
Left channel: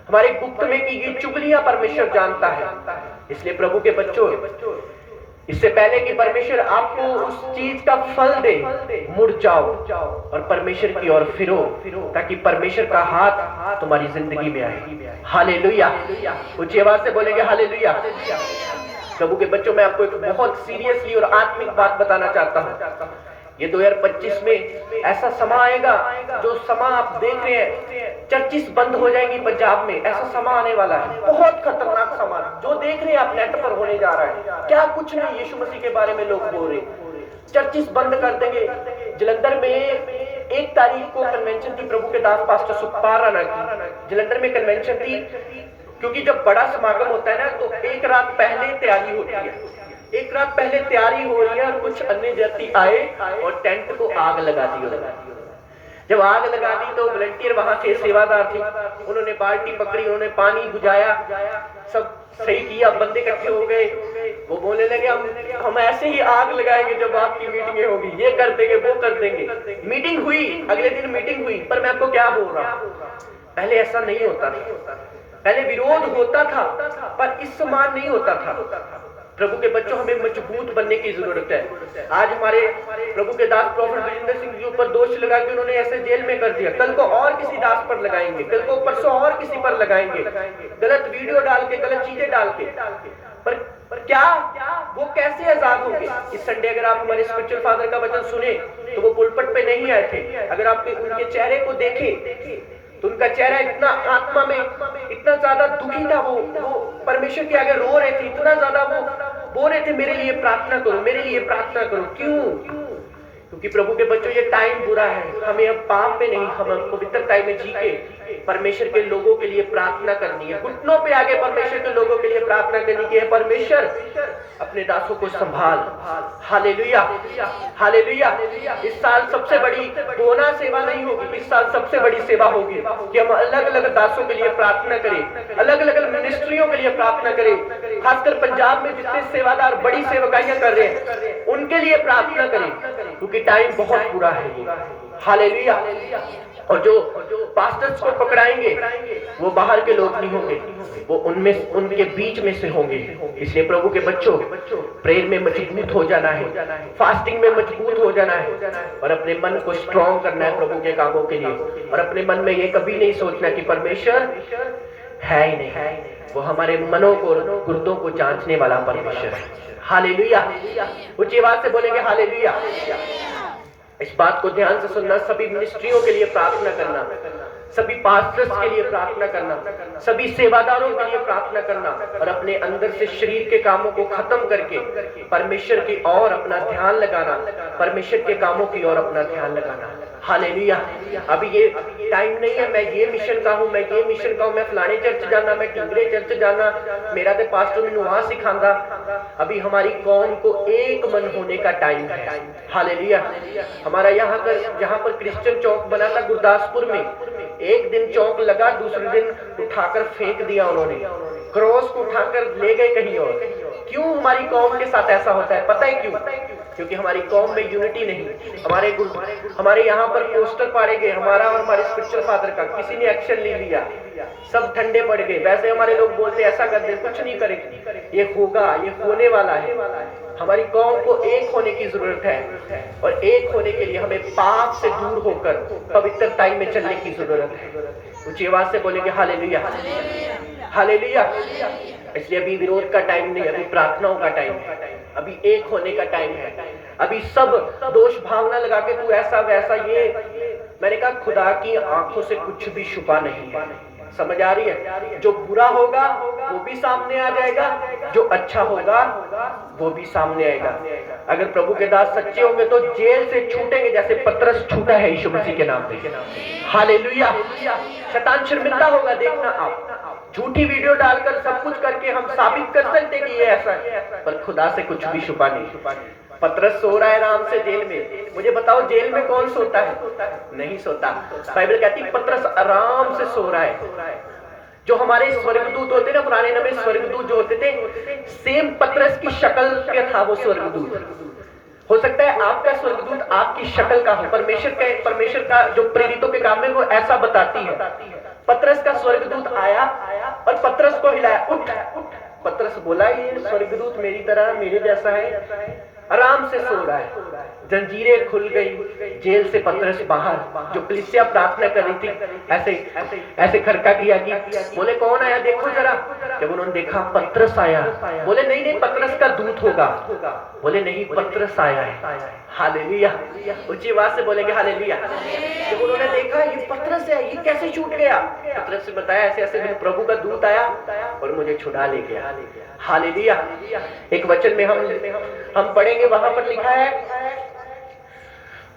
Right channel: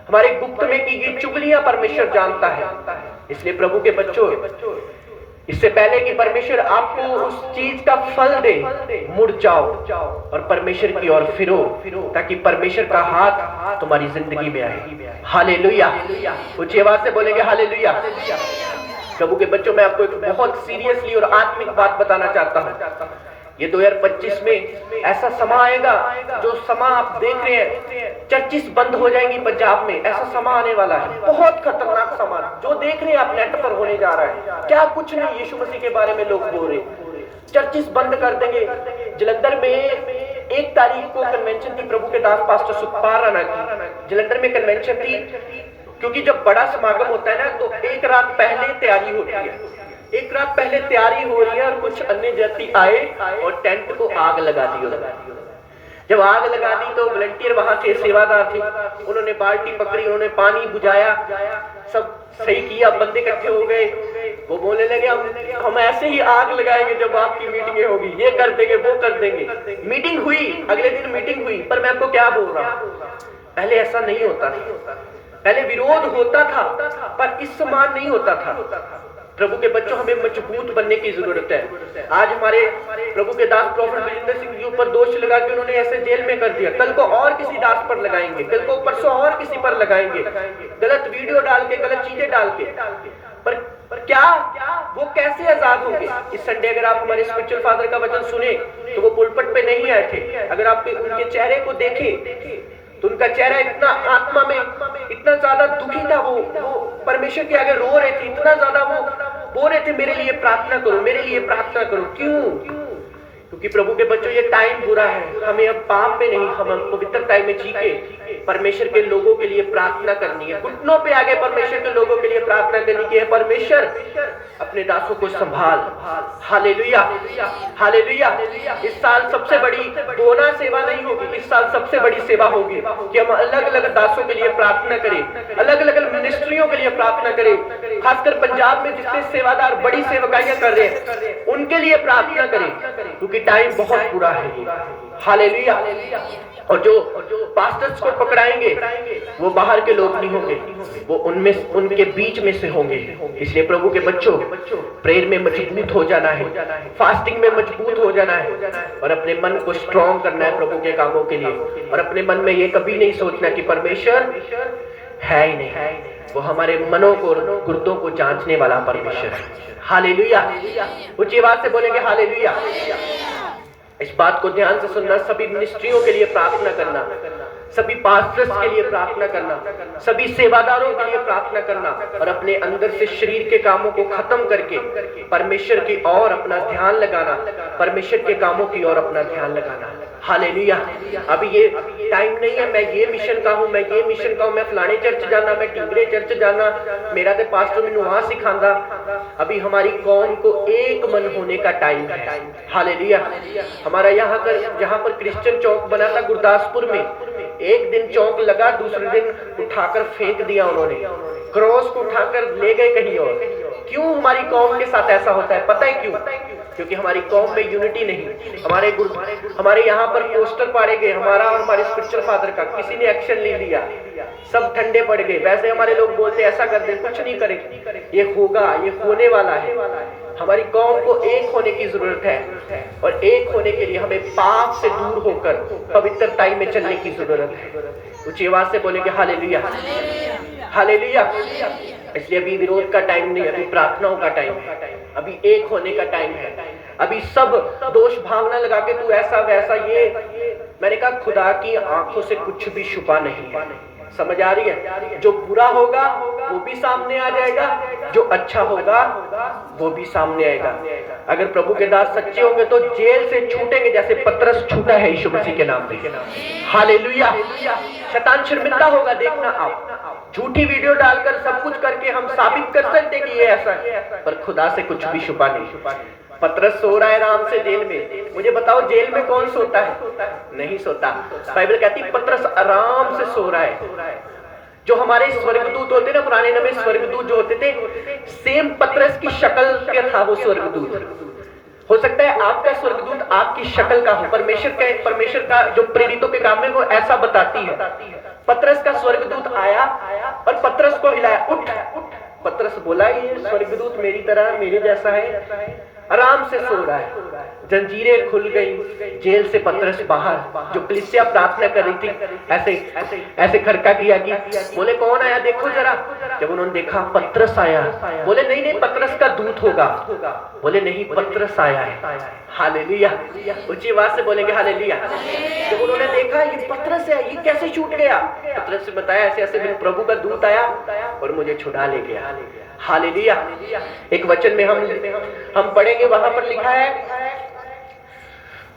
हमारे गुप्त में की गई चुगलियां परमेश्वर जानता है। इसलिए प्रभु के बच्चों, इससे पहले कि परमेश्वर आपको उस चीज का फल दे, मुड़ जाओ और परमेश्वर की ओर फिरो, ताकि परमेश्वर का हाथ तुम्हारी जिंदगी में आए। हालेलुया। ऊंची आवाज से बोलेंगे हालेलुया। प्रभु के बच्चों, मैं आपको एक बहुत सीरियसली और आत्मिक बात बताना चाहता हूँ। ये 2025 में ऐसा समा आएगा, जो समा आप देख रहे हैं, चर्चिस बंद हो जाएंगी पंजाब में, ऐसा समा आने वाला है। बहुत खतरनाक समा जो देख रहे हैं आप नेट पर होने जा रहा है। क्या कुछ नहीं, यीशु मसीह के बारे में लोग बोल रहे, चर्चिस बंद कर देंगे। जलंधर में 1 तारीख को कन्वेंशन थी, प्रभु के दास पास्टर सुखपाल राणा की जलंधर में कन्वेंशन थी। क्योंकि जब बड़ा समागम होता है ना, तो एक रात पहले तैयारी होती है, एक रात पहले तैयारी हो रही है, और कुछ अन्य जाति आए और टेंट को आग लगा दी। जब आग लगा दी तो वॉलंटियर वहां थे, सेवादार थे, उन्होंने बाल्टी पकड़ी, उन्होंने पानी बुझाया, सब सही किया, बंदे इकट्ठे हो गए। वो बोलने लगे, हम ऐसे ही आग लगाएंगे जब आपकी मीटिंग होगी, ये कर देंगे वो कर देंगे। मीटिंग हुई, अगले दिन मीटिंग हुई, पर मैं आपको क्या बोल रहा हूँ, पहले ऐसा नहीं होता था। पहले विरोध होता था, पर इस समान नहीं होता था। प्रभु के बच्चों, हमें मजबूत बनने की जरूरत है। आज हमारे प्रभु के दास प्रॉफेट बलजिंदर सिंह जी ऊपर दोष लगा के उन्होंने ऐसे जेल में कर दिया, कल को और किसी दास पर लगाएंगे, कल को परसों और किसी पर लगाएंगे, गलत वीडियो डाल के, गलत चीजें डाल के। पर क्या वो कैसे आजाद होंगे? इस संडे अगर आप हमारे स्पिरिचुअल फादर का वचन सुने, तो वो पुलपट पे नहीं आए थे। अगर आप उनके चेहरे को देखें तो उनका चेहरा इतना आत्मा में इतना ज्यादा दुखी था, वो परमेश्वर के आगे रो रहे थे, इतना ज्यादा वो बोल रहे थे, मेरे लिए प्रार्थना करो, मेरे लिए प्रार्थना करो। क्यों? क्योंकि प्रभु के बच्चों, ये टाइम बुरा है, हमें अब पाप में नहीं, हम पवित्रता में जी के परमेश्वर के लोगों के लिए प्रार्थना करनी है। घुटनों पे आगे परमेश्वर के लोगों के लिए प्रार्थना करनी की है, परमेश्वर अपने दासों को संभाल। Hallelujah, hallelujah. इस साल सबसे बड़ी बोना सेवा नहीं होगी, इस साल सबसे बड़ी सेवा होगी कि हम अलग अलग दासों के लिए प्रार्थना करें, अलग अलग मिनिस्ट्रियों के लिए प्रार्थना करें। खासकर पंजाब में जितने सेवादार बड़ी सेवकाइयां कर रहे हैं, उनके लिए प्रार्थना करें। क्योंकि टाइम बहुत बुरा है। हालेलुया। और जो पास्टर्स को पकड़ाएंगे वो बाहर के लोग नहीं होंगे, वो उनमें उनके बीच में से होंगे। इसलिए प्रभु के बच्चों, प्रेयर में मजबूत हो जाना है, फास्टिंग में मजबूत हो जाना है और अपने मन को स्ट्रॉन्ग करना है प्रभु के कामों के लिए। और अपने मन में ये कभी नहीं सोचना कि परमेश्वर है ही नहीं, वो हमारे मनों को, गुर्दों को जांचने वाला परमेश्वर है। हालेलुया। ऊंची आवाज से बोलेंगे हालेलुया। इस बात को ध्यान से सुनना। सभी मिनिस्ट्रियों के लिए प्रार्थना करना, सभी पास्टर्स के लिए प्रार्थना करना, सभी सेवादारों के लिए प्रार्थना करना और अपने अंदर से शरीर के कामों को खत्म करके परमेश्वर की ओर अपना ध्यान लगाना, परमेश्वर के कामों की ओर अपना ध्यान लगाना। हालेलुया। अभी ये टाइम नहीं है मैं ये मिशन का हूं, मैं ये मिशन का हूं, मैं फलाने चर्च जाना, मैं टिंगरे चर्च जाना, मेरा तो पास्टर मैनू वहां सिखांदा। अभी हमारी कौम को एक मन होने का टाइम है। हालेलुया। हमारा यहाँ पर क्रिश्चियन चौक बना था गुरदासपुर में, एक दिन चौक लगा, दूसरे दिन उठाकर फेंक दिया उन्होंने, क्रॉस को उठाकर ले गए कहीं और। क्यों हमारी कौम के साथ ऐसा होता है? पता है क्यों? क्योंकि हमारी कौम में यूनिटी नहीं। हमारे यहाँ पर पोस्टर पाड़े गए, हमारा और हमारे स्पिरिचुअल फादर का, किसी ने एक्शन नहीं लिया, सब ठंडे पड़ गए। वैसे हमारे लोग बोलते ऐसा कर दे, कुछ नहीं करेंगे, ये होगा, ये होने वाला है। हमारी कौम को एक होने की जरूरत है और एक होने के लिए हमें पाप से दूर होकर पवित्रता में चलने की जरूरत है। ऊंची आवाज से बोलेंगे हालेलुया, हालेलुया। इसलिए अभी विरोध का टाइम नहीं, अभी प्रार्थनाओं का टाइम है, अभी एक होने का टाइम है। अभी सब दोष भावना लगा के तू ऐसा वैसा, ये मैंने कहा खुदा की आंखों से कुछ भी छुपा नहीं है। समझ आ रही है? जो बुरा होगा वो भी सामने आ जाएगा, जो अच्छा होगा वो भी सामने आएगा। अगर प्रभु के दास सच्चे होंगे तो जेल से छूटेंगे, जैसे पतरस छूटा है यीशु मसीह के नाम पे। हालेलुया। शैतान शर्मिंदा होगा, देखना आप। झूठी वीडियो डालकर सब कुछ करके हम साबित कर सकते कि ये ऐसा है, पर खुदा से कुछ भी छुपा नहीं। पतरस सो रहा है आराम से जेल में। मुझे बताओ जेल में कौन सोता है? नहीं सोता। बाइबल कहती पतरस आराम से सो रहा है। जो हमारे स्वर्गदूत होते ना, पुराने नबी स्वर्गदूत जो होते थे, सेम पतरस की शक्ल का था वो स्वर्गदूत। हो सकता है आपका स्वर्गदूत आपकी शक्ल का हो। परमेश्वर का जो प्रेरितों के काम में वो ऐसा बताती है। पतरस का स्वर्गदूत आया और पतरस को हिलाया, उठ। पतरस बोला ये स्वर्गदूत मेरी तरह मेरे जैसा है, आराम से सो रहा है। जंजीरें खुल गई, जेल से पतरस बाहर। जो कलीसिया प्रार्थना कर रही थी ऐसे खड़का किया कि बोले कौन आया देखो जरा। जब उन्होंने देखा पतरस आया, बोले नहीं नहीं पतरस का दूत होगा। बोले नहीं पतरस आया है। हालेलुया। ऊंची आवाज से बोलेंगे हालेलुया। जब उन्होंने देखा ये पतरस है, ये कैसे छूट गया? पतरस से बताया ऐसे ऐसे मेरे प्रभु का दूत आया और मुझे छुड़ा ले गया। हालेलुया। एक वचन में हम पढ़ेंगे, वहां पर लिखा है,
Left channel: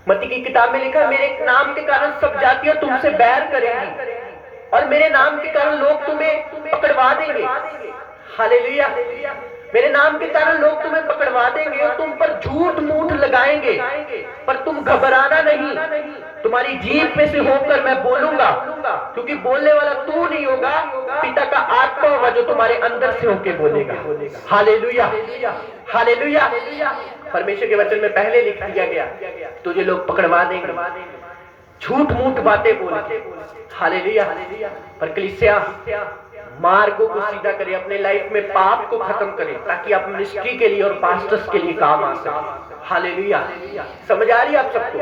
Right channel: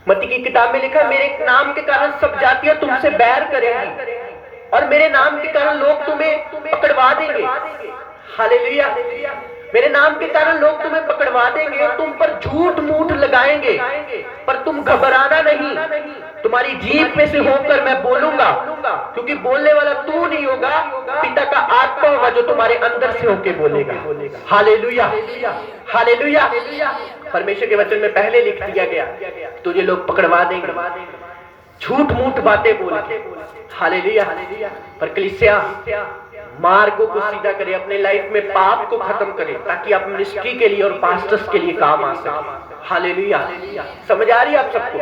मत्ती की किताब में लिखा है, मेरे नाम के कारण सब जातियां तुमसे बैर करेंगी और मेरे नाम के कारण लोग तुम्हें पकड़वा देंगे। हालेलुया। मेरे नाम के कारण लोग तुम्हें पकड़वा देंगे और तुम पर झूठ मूठ लगाएंगे, पर तुम घबराना नहीं। तुम्हारी जीभ में से होकर मैं बोलूंगा, क्योंकि बोलने वाला तू नहीं होगा, पिता का आत्मा होगा जो तुम्हारे अंदर से होकर बोलेगा। Hallelujah, hallelujah. परमेश्वर के वचन में पहले लिख दिया गया तुझे लोग पकड़वा देंगे झूठ मूठ बातें बोल के। हालेलुया। पर कलीसिया मार्गों को सीधा करे, अपने लाइफ में पाप को खत्म करे, ताकि आप मिनिस्ट्री के लिए और पास्टर्स के लिए काम आ सके। हालेलुया। समझ आ रही है आप सबको?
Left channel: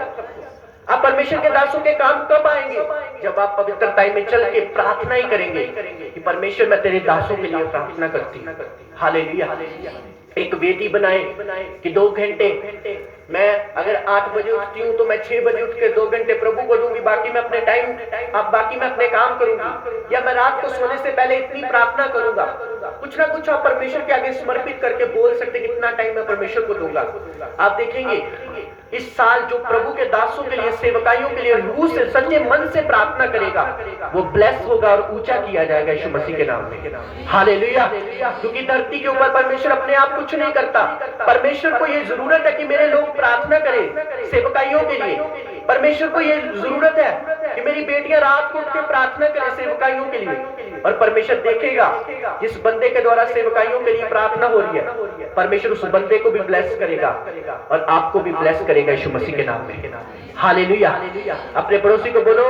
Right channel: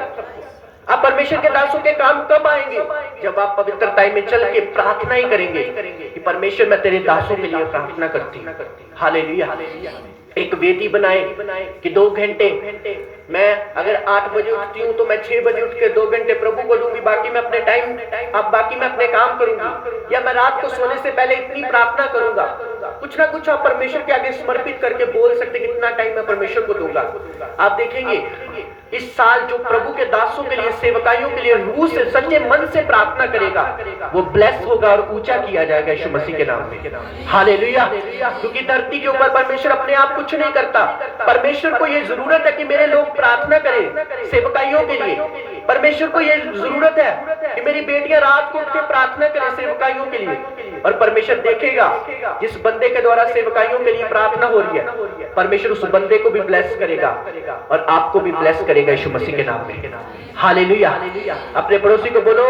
आप परमेश्वर के दासों के काम कब आएंगे? जब आप पवित्रता में चल के प्रार्थना ही करेंगे कि परमेश्वर मैं तेरे दासों के लिए प्रार्थना करती हूँ। हालेलुया। एक वेदी बनाए कि 2 घंटे, मैं अगर 8 बजे उठती हूँ तो मैं 6 बजे उठ के 2 घंटे प्रभु को दूंगी, बाकी मैं अपने बाकी मैं अपने काम करूंगी, या मैं रात को सोने से पहले इतनी प्रार्थना करूंगा। कुछ ना कुछ आप परमेश्वर के आगे समर्पित करके बोल सकते कितना टाइम मैं परमेश्वर को दूंगा। आप देखेंगे इस साल जो प्रभु के दासों के लिए, सेवकाइयों के लिए रूह से सच्चे मन से प्रार्थना करेगा वो ब्लेस होगा और ऊंचा किया जाएगा यीशु मसीह के नाम में। हालेलुया। क्योंकि धरती के ऊपर परमेश्वर अपने आप कुछ नहीं करता। परमेश्वर को ये जरूरत है कि मेरे लोग प्रार्थना करें सेवकाइयों के लिए, परमेश्वर को ये जरूरत है कि मेरी बेटियां रात को उठ के प्रार्थना करें सेवकाइयों के लिए, और परमेश्वर देखेगा जिस बंदे के द्वारा सेवकाइयों के लिए प्रार्थना हो रही है, परमेश्वर उस बंदे को भी ब्लेस करेगा और आपको भी ब्लेस करेगा यीशु मसीह के नाम में। हालेलुया। अपने पड़ोसी को बोलो,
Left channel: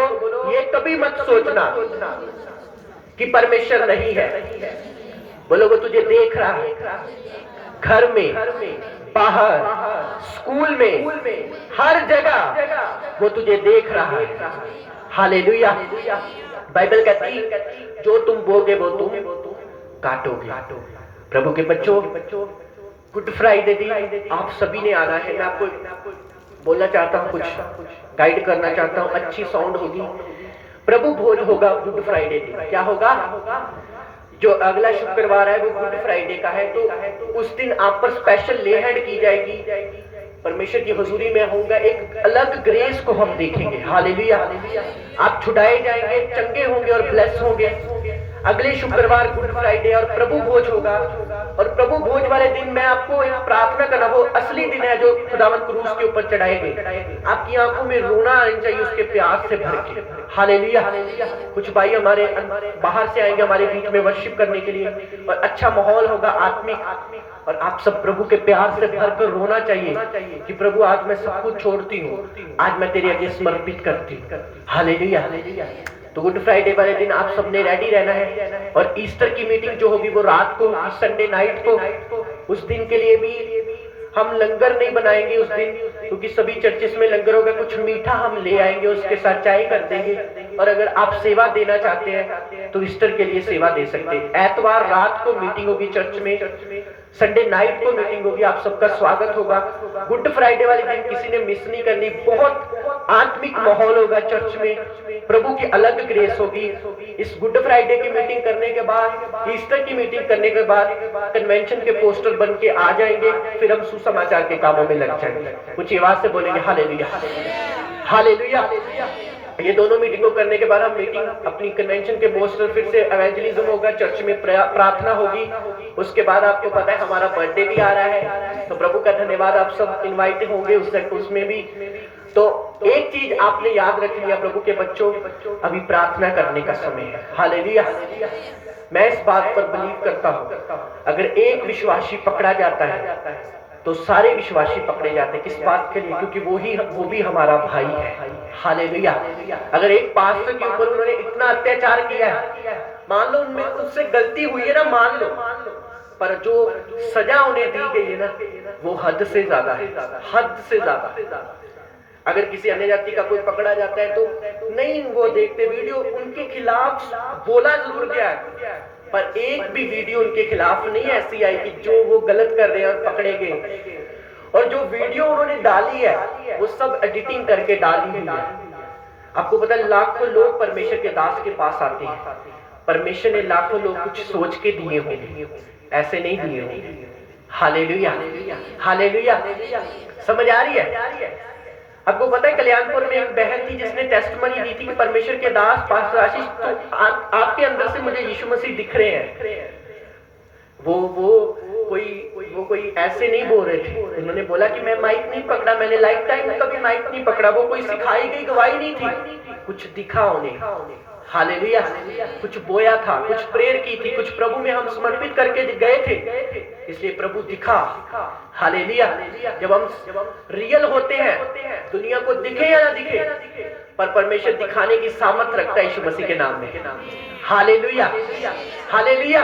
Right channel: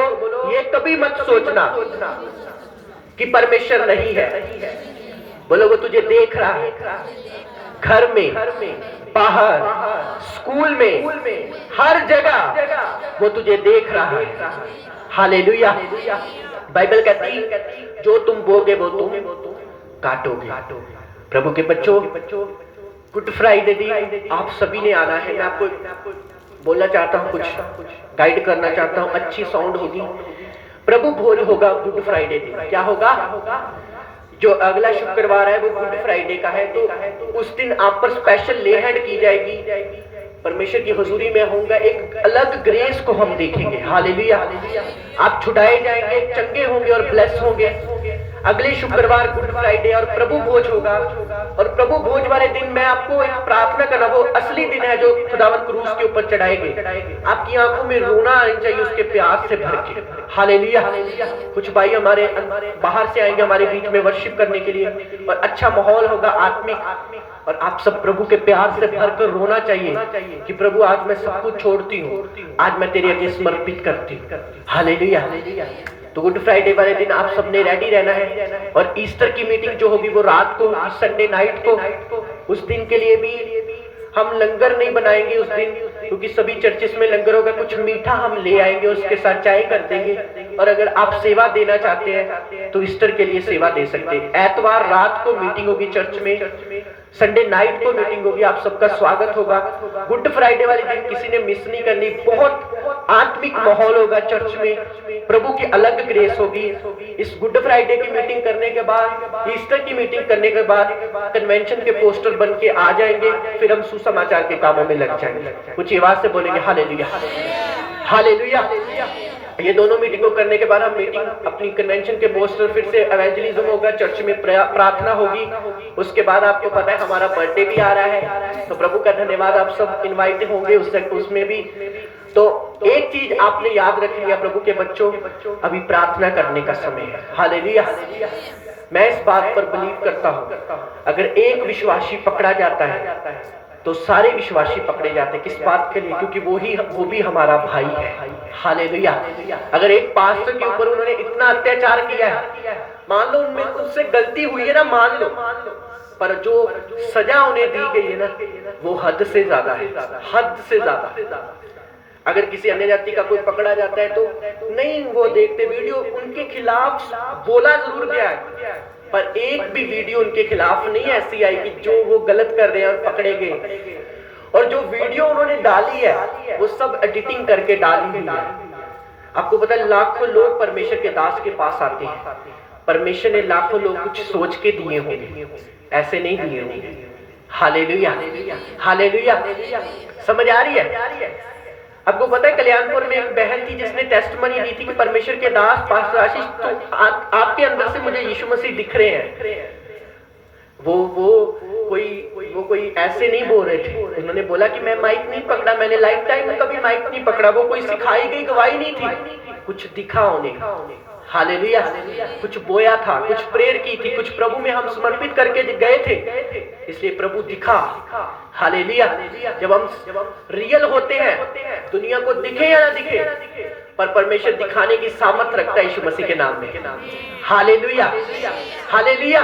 ये कभी मत सोचना कि परमेश्वर नहीं है। बोलो वो तुझे देख रहा है, घर में, बाहर, स्कूल में, हर जगह वो तुझे देख रहा है। हालेलुया। बाइबल कहती जो तुम बोगे वो तुम काटोगे। प्रभु के बच्चों, गुड फ्राइडे दिन आप सभी ने आना है। मैं आपको बोलना चाहता हूँ, कुछ गाइड करना चाहता हूँ, अच्छी साउंड होगी। प्रभु भोज होगा गुड फ्राइडे दिन। क्या होगा? जो अगला शुक्रवार है वो गुड फ्राइडे का है, तो उस दिन आप पर स्पेशल ले हैंड की जाएगी। परमेश्वर की हुजूरी में होगा, एक अलग ग्रेस को हम देखेंगे। हालेलुया। आप छुड़ाए जाएंगे, चंगे होंगे और ब्लेस होंगे। अगले शुक्रवार गुड फ्राइडे और प्रभु भोज होगा, और प्रभु भोज वाले दिन मैं आपको एक प्रार्थना करना, वो असली दिन है जो खुदावंद क्रूस के ऊपर चढ़ाए गए। आपकी आंखों में रोना आना चाहिए उसके प्यास से भर के। हालेलुया। कुछ भाई हमारे बाहर से आएंगे हमारे बीच में वर्शिप करने के लिए, और अच्छा माहौल होगा आत्मिक, और आप सब प्रभु के प्यार से भरकर रोना चाहिए कि प्रभु आज मैं सब कुछ छोड़ती हूँ, आज मैं तेरे आगे समर्पित करती हूँ। हालेलुया। तो गुड फ्राइडे वाले दिन आप सबने रेडी रहना है, और ईस्टर की मीटिंग जो होगी वो रात को, संडे नाइट को। उस दिन के लिए भी हम लंगर नहीं बनाएंगे उस दिन, क्योंकि सभी चर्चेस में लंगर होगा। कुछ मीठा हम ले आएंगे, उसके साथ चाय कर देंगे। और अगर आप सेवा देना चाहते हैं तो ईस्टर के लिए सेवा दे सकते हैं। एतवार रात को मीटिंग होगी चर्च में, संडे नाइट को मीटिंग होगी, आप सबका स्वागत होगा। गुड फ्राइडे वाले दिन किसी ने मिस नहीं करनी। बहुत आत्मिक माहौल होगा चर्च में, प्रभु की अलग ग्रेस होगी। इस गुड फ्राइडे की मीटिंग करने के बाद, ईस्टर की मीटिंग करने के बाद कन्वेंशन के पोस्टर बन के आ जाएंगे, फिर हम सुसमाचार के कामों में लग जाएंगे। कुछ आवाज से बोलेंगे हालेलुया, हालेलुया। ये दोनों मीटिंगों करने के बाद हम मीटिंग अपनी कन्वेंशन के पोस्टर, फिर से एवेंजलिज्म होगा, चर्च में प्रार्थना होगी। उसके बाद आपको पता है हमारा बर्थडे भी आ रहा है, तो प्रभु का धन्यवाद, आप सब इनवाइट होंगे उसमें भी। तो एक चीज आपने याद रख लिया प्रभु के बच्चों, अभी प्रार्थना करने का समय है। हालेलुया। मैं इस बात पर बिलीव करता हूँ, अगर एक विश्वासी पकड़ा जाता है तो सारे विश्वासी पकड़े जाते हैं। किस बात के लिए? क्योंकि वो भी हमारा भाई है। हालेलुया। अगर एक पास्टर के ऊपर उन्होंने इतना अत्याचार किया है, मान लो उनमें उससे गलती हुई है ना, मान लो, पर जो सजा उन्हें दी गई है ना, वो हद से ज्यादा है, हद से ज्यादा। अगर किसी अन्य जाति का कोई पकड़ा जाता है तो नहीं वो देखते, वीडियो उनके खिलाफ बोला जरूर गया है, पर एक भी वीडियो उनके खिलाफ नहीं ऐसी आई कि जो वो गलत कर रहे हैं और पकड़े गए। और जो वीडियो उन्होंने डाली है वो सब एडिटिंग करके डाली हुई है। आपको पता है लाखों लोग परमेश्वर के दास के पास आते हैं, परमेश्वर ने लाखों लोग कुछ सोच के दिए होंगे, ऐसे नहीं दिए होंगे। Hallelujah, hallelujah. समझ आ रही है? आपको पता है कल्याणपुर में एक बहन थी जिसने टेस्टमनी दी थी कि परमेश्वर के दास पास्टर आशीष, तो आपके अंदर से मुझे यीशु मसीह दिख रहे हैं। वो कोई ऐसे नहीं बोल रहे थे। उन्होंने बोला कि मैं माइक नहीं पकड़ा, मैंने लाइफ टाइम में कभी माइक नहीं पकड़ा। वो कोई सिखाई गई गवाही नहीं थी, कुछ दिखा उन्हें। हालेलुया। कुछ बोया था, कुछ प्रेयर की थी, कुछ प्रभु में हम समर्पित करके गए थे, इसलिए प्रभु दिखा। हालेलुया। जब हम रियल होते हैं, दुनिया को दिखे या ना दिखे, पर परमेश्वर दिखाने की सामर्थ रखता है यीशु मसीह के नाम में। Hallelujah, hallelujah.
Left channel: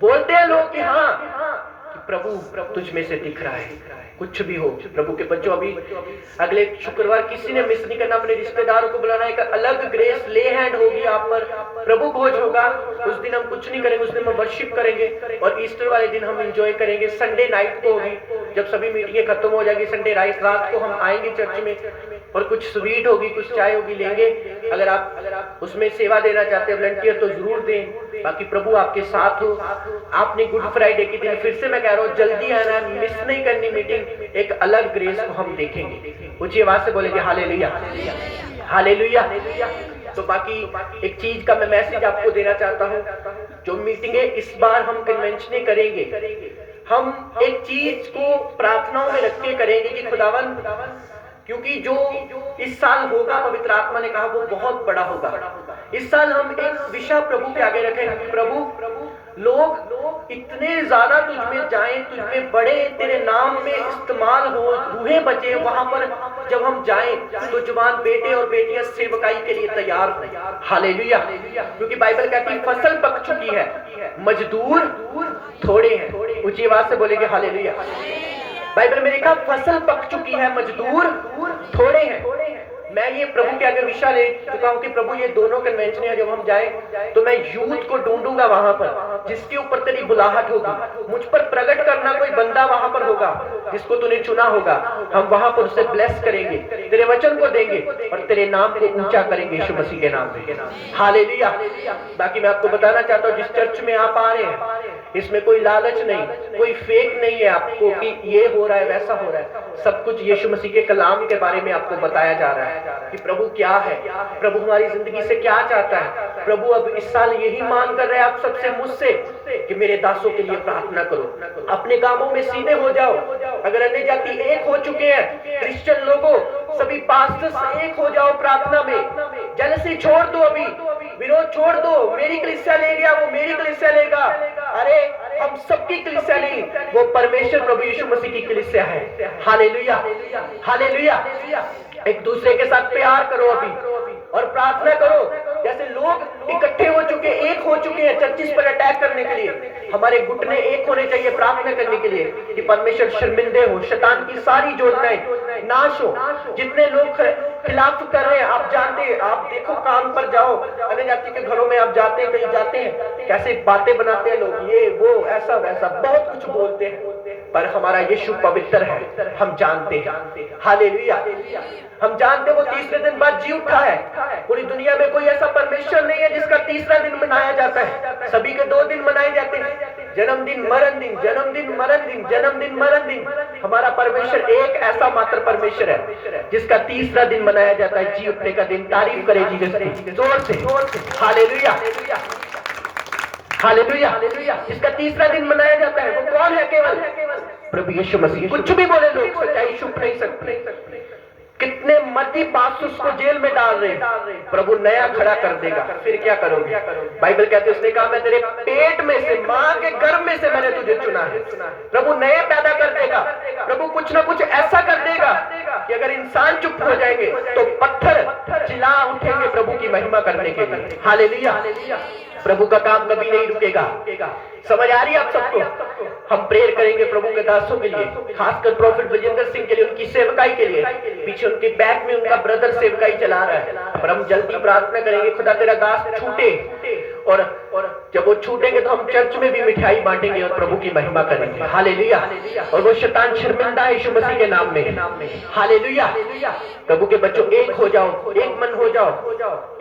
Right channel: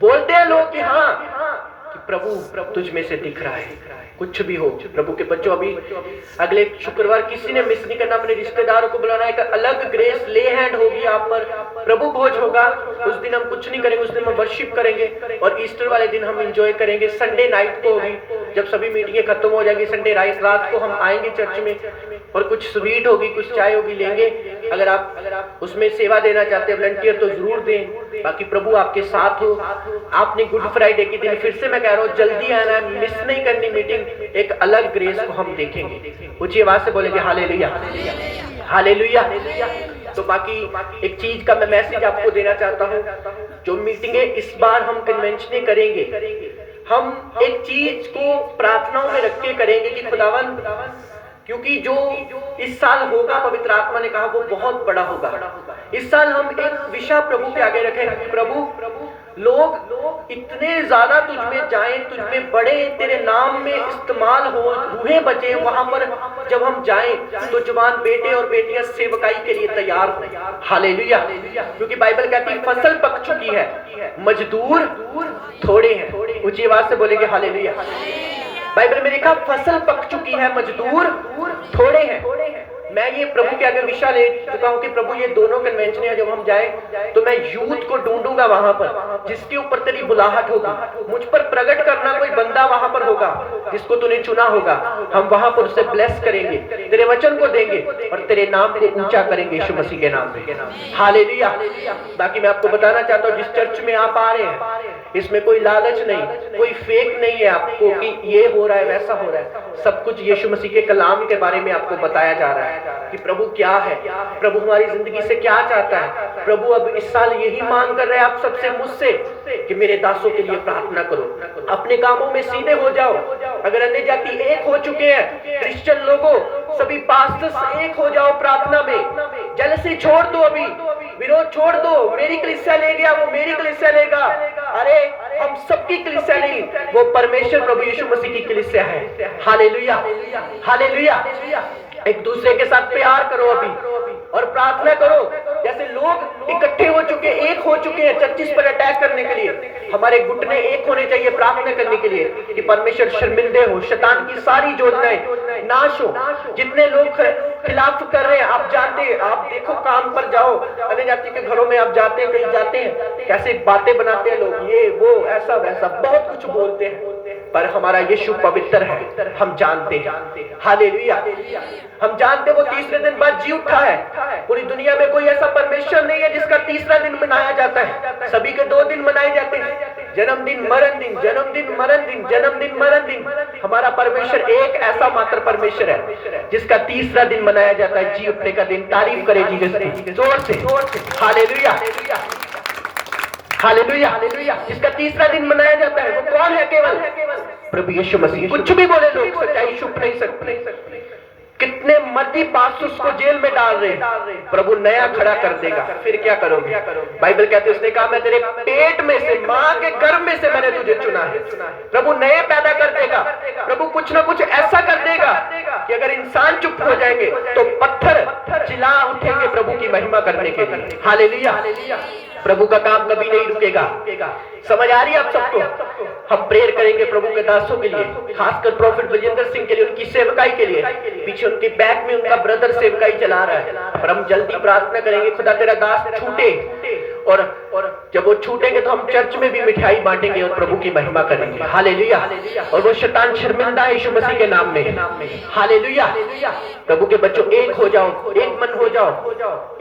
बोलते हैं लोग कि हाँ कि प्रभु तुझ में से दिख रहा है। कुछ भी हो प्रभु के बच्चों, अभी अगले शुक्रवार किसी ने मिस नहीं करना, अपने रिश्तेदारों को बुलाना। एक अलग ग्रेस ले हैंड होगी आप पर, प्रभु भोज होगा। उस दिन हम कुछ नहीं करेंगे, उस दिन हम वर्शिप करेंगे, और ईस्टर वाले दिन हम एंजॉय करेंगे। संडे नाइट को होगी, जब सभी मीटिंगें खत्म हो जाएगी, संडे रात को हम आएंगे चर्च में, और कुछ स्वीट होगी, कुछ चाय होगी, लेंगे। अगर आप उसमें सेवा देना चाहते हैं वॉलंटियर तो जरूर दें। बाकी प्रभु आपके साथ हो। आपने गुड फ्राइडे के दिन, फिर से मैं कह रहा हूँ, जल्दी आना है, मिस नहीं करनी मीटिंग। एक अलग ग्रेस को हम देखेंगे। ऊंची आवाज से बोलेंगे हालेलुया, हालेलुया। तो बाकी एक चीज का मैं मैसेज आपको देना चाहता हूँ, जो मीटिंगें इस बार हम कन्वेंशन करेंगे, हम एक चीज को प्रार्थनाओं में रख के करेंगे कि खुदावन, क्योंकि जो इस साल होगा, पवित्र आत्मा ने कहा वो बहुत बड़ा होगा। इस साल हम एक विषय प्रभु के आगे रखें, प्रभु लोग इतने ज्यादा तुझ में जाएं, तुझ में बढ़े, तेरे नाम में इस्तेमाल हो, रूहें बचे वहां पर जब हम जाएं तो जवान बेटे और बेटियां सेवकाई के लिए तैयार हो। हालेलुया। क्योंकि बाइबल कहती है फसल पक चुकी है, मजदूर थोड़े हैं। ऊंची आवाज से बोलेंगे हालेलुया। बाइबल में लिखा फसल पक चुकी है, मजदूर थोड़े हैं। मैं ये प्रभु के आगे विषय ले चुका हूं कि प्रभु ये दोनों कन्वेंशन है, जब हम जाए तो मैं यूथ को ढूंढूंगा वहां पर जिसके ऊपर तेरी बुलाहट होगी। मुझ पर प्रकट करना कोई बंदा वहां पर होगा जिसको तूने चुना होगा। हम वहां पर उसे ब्लेस करेंगे, तेरे वचन को देंगे और तेरे नाम को ऊंचा करेंगे यीशु मसीह के नाम से। हालेलुया। बाकी मैं आपको बताना चाहता हूँ, जिस चर्च में आप आ रहे हैं इसमें कोई लालच नहीं, कोई फेक नहीं है आपको कि ये हो रहा है वैसा हो रहा है। सब कुछ यीशु मसीह के कलाम के बारे में आपको बताया जा रहा है कि प्रभु क्या है, प्रभु हमारी जिंदगी से क्या चाहता है। प्रभु अब इस साल यही मांग कर रहे हैं आप सबसे, मुझसे, कि मेरे दासों के लिए प्रार्थना करो, अपने कामों में सीधे हो जाओ। अगर अन्य जाति एक हो चुके हैं, क्रिश्चियन लोगों सभी पास्टर्स एक हो जाओ प्रार्थना में। जेलसी छोड़ दो, अभी विरोध छोड़ दो। मेरी कलीसिया ले गया, वो मेरी कलीसिया लेगा। अरे हम सबकी कलीसिया नहीं, वो परमेश्वर प्रभु यीशु मसीह की कलीसिया है। Hallelujah, hallelujah. एक दूसरे के साथ प्यार करो अभी और प्रार्थना करो। जैसे लोग इकट्ठे हो चुके, एक हो चुके हैं चर्चिस पर अटैक करने के लिए, हमारे घुटने एक होने चाहिए प्रार्थना करने के लिए कि परमेश्वर शर्मिंदे हो, शैतान की सारी योजनाएं नाश हो। जितने लोग खिलाफ कर रहे हैं आप जानते हैं, आप देखो काम पर जाओ, अन्य जाति के घरों में आप जाते हैं, कहीं जाते हैं, कैसे बातें बनाते हैं लोग, ये वो ऐसा वैसा बहुत कुछ बोलते हैं। पर हमारा यीशु पवित्र है, हम जानते हैं। हालेलुया। हम जानते हैं वो तीसरे दिन बाद जी उठा है। पूरी दुनिया में कोई ऐसा परमेश्वर नहीं है जिसका तीसरा दिन मनाया जाता है। सभी के 2 दिन मनाए जाते हैं, जन्मदिन मरण दिन, जन्मदिन मरण दिन, जन्मदिन मरण दिन। हमारा परमेश्वर एक ऐसा मात्र परमेश्वर है जिसका तीसरा दिन मनाया जाता है, जी उठने का दिन। तारीफ करे जीसस की जोर से। Hallelujah, hallelujah, hallelujah. जिसका तीसरा दिन मनाया जाता है वो कौन है? केवल प्रभु यीशु मसीह। कुछ भी बोले लोग, सच्चाई छुप नहीं सकती। कितने मर्जी पास्टर्स को जेल में डाल रहे, प्रभु नया खड़ा कर देगा। फिर क्या करोगे? बाइबल कहते उसने कहा मैं तेरे पेट में से, मां के गर्भ में से मैंने तुझे चुना है। प्रभु नए पैदा कर देगा। प्रभु कुछ ना कुछ ऐसा कर देगा कि अगर इंसान चुप हो जाएंगे तो पत्थर चिल्ला उठेंगे प्रभु की महिमा करने के लिए। हालेलुया। प्रभु का काम कभी नहीं रुकेगा। समझ आ रही है आप सबको? हम प्रेयर करेंगे प्रभु के दासों के लिए, खासकर प्रॉफिट बजेंद्र सिंह के लिए, उनकी सेवकाई के लिए। पीछे उनके बैक में उनका ब्रदर सेवकाई चला रहा है, पर हम जल्दी प्रार्थना करेंगे खुदा तेरा दास छूटे, और जब वो छूटेंगे तो हम चर्च में भी मिठाई बांटेंगे और प्रभु की महिमा करेंगे। हालेलुया। और वो शैतान शर्मिंदा है यीशु मसीह के नाम में। हालेलुया। प्रभु के बच्चों एक हो जाओ, एक मन हो जाओ,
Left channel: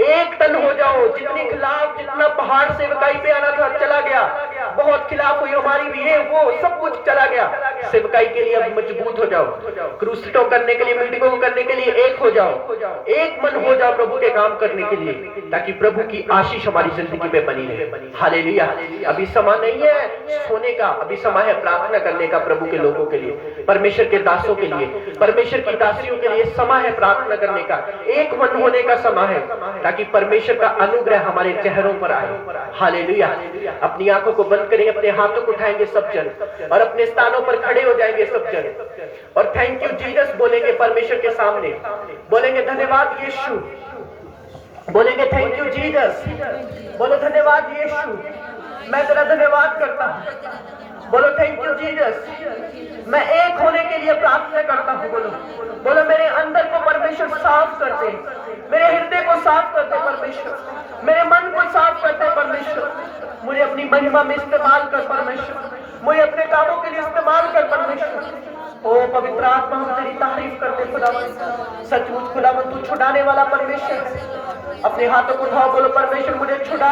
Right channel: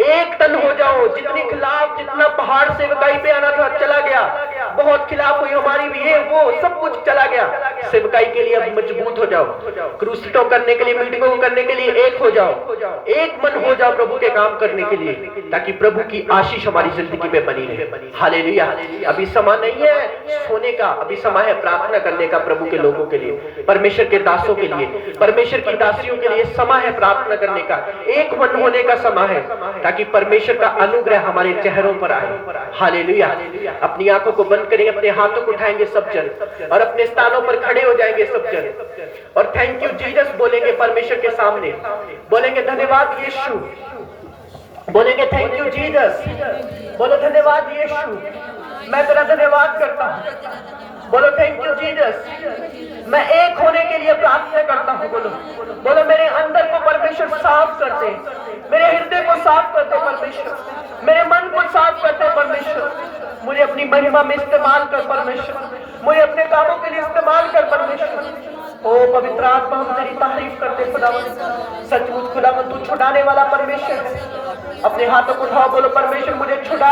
एक तन हो जाओ। जितने खिलाफ, जितना पहाड़ सेवकाई पे आना था चला गया, बहुत खिलाफ हुई हमारी भी, ये वो सब कुछ चला गया। सेवकाई के लिए अब मजबूत हो जाओ, क्रूसिटो करने के लिए, मीटिंगों करने के लिए एक हो जाओ, एक मन हो जाओ प्रभु के काम करने के लिए, ताकि प्रभु की आशीष हमारी जिंदगी में बनी रहे। हालेलुया। अभी समय नहीं है सोने का, अभी समय है प्रार्थना करने का प्रभु के लोगों के लिए, परमेश्वर के दासों के लिए, परमेश्वर की दासियों के लिए समय है प्रार्थना करने का, एक मन होने का समय है, ताकि परमेश्वर का अनुग्रह हमारे चेहरों पर आए। हालेलुया। अपनी आंखों को बंद करेंगे, अपने हाथों को उठाएंगे सब जन, और अपने स्थानों पर खड़े हो जाएंगे सब जन, और थैंक यू जीसस बोलेंगे परमेश्वर के सामने। बोलेंगे धन्यवाद यीशु, बोलेंगे थैंक यू जीसस, बोलो धन्यवाद यीशु, मैं तेरा धन्यवाद करता हूँ। बोलो थैंक यू जीसस, मैं एक होने के लिए प्रार्थना करता हूँ। बोलो मेरे अंदर को परमेश्वर साफ कर दे, मेरे हृदय को साफ कर दे परमेश्वर, मेरे मन को साफ कर दे परमेश्वर, मुझे अपनी महिमा में इस्तेमाल कर परमेश्वर, मुझे अपने कामों के लिए इस्तेमाल कर परमेश्वर। ओ पवित्र आत्मा हम तेरी तारीफ करते खुदा, सचमुच खुदा तू छुड़ाने वाला परमेश्वर है। अपने हाथों को उठाओ, बोलो परमेश्वर मुझे छुड़ा,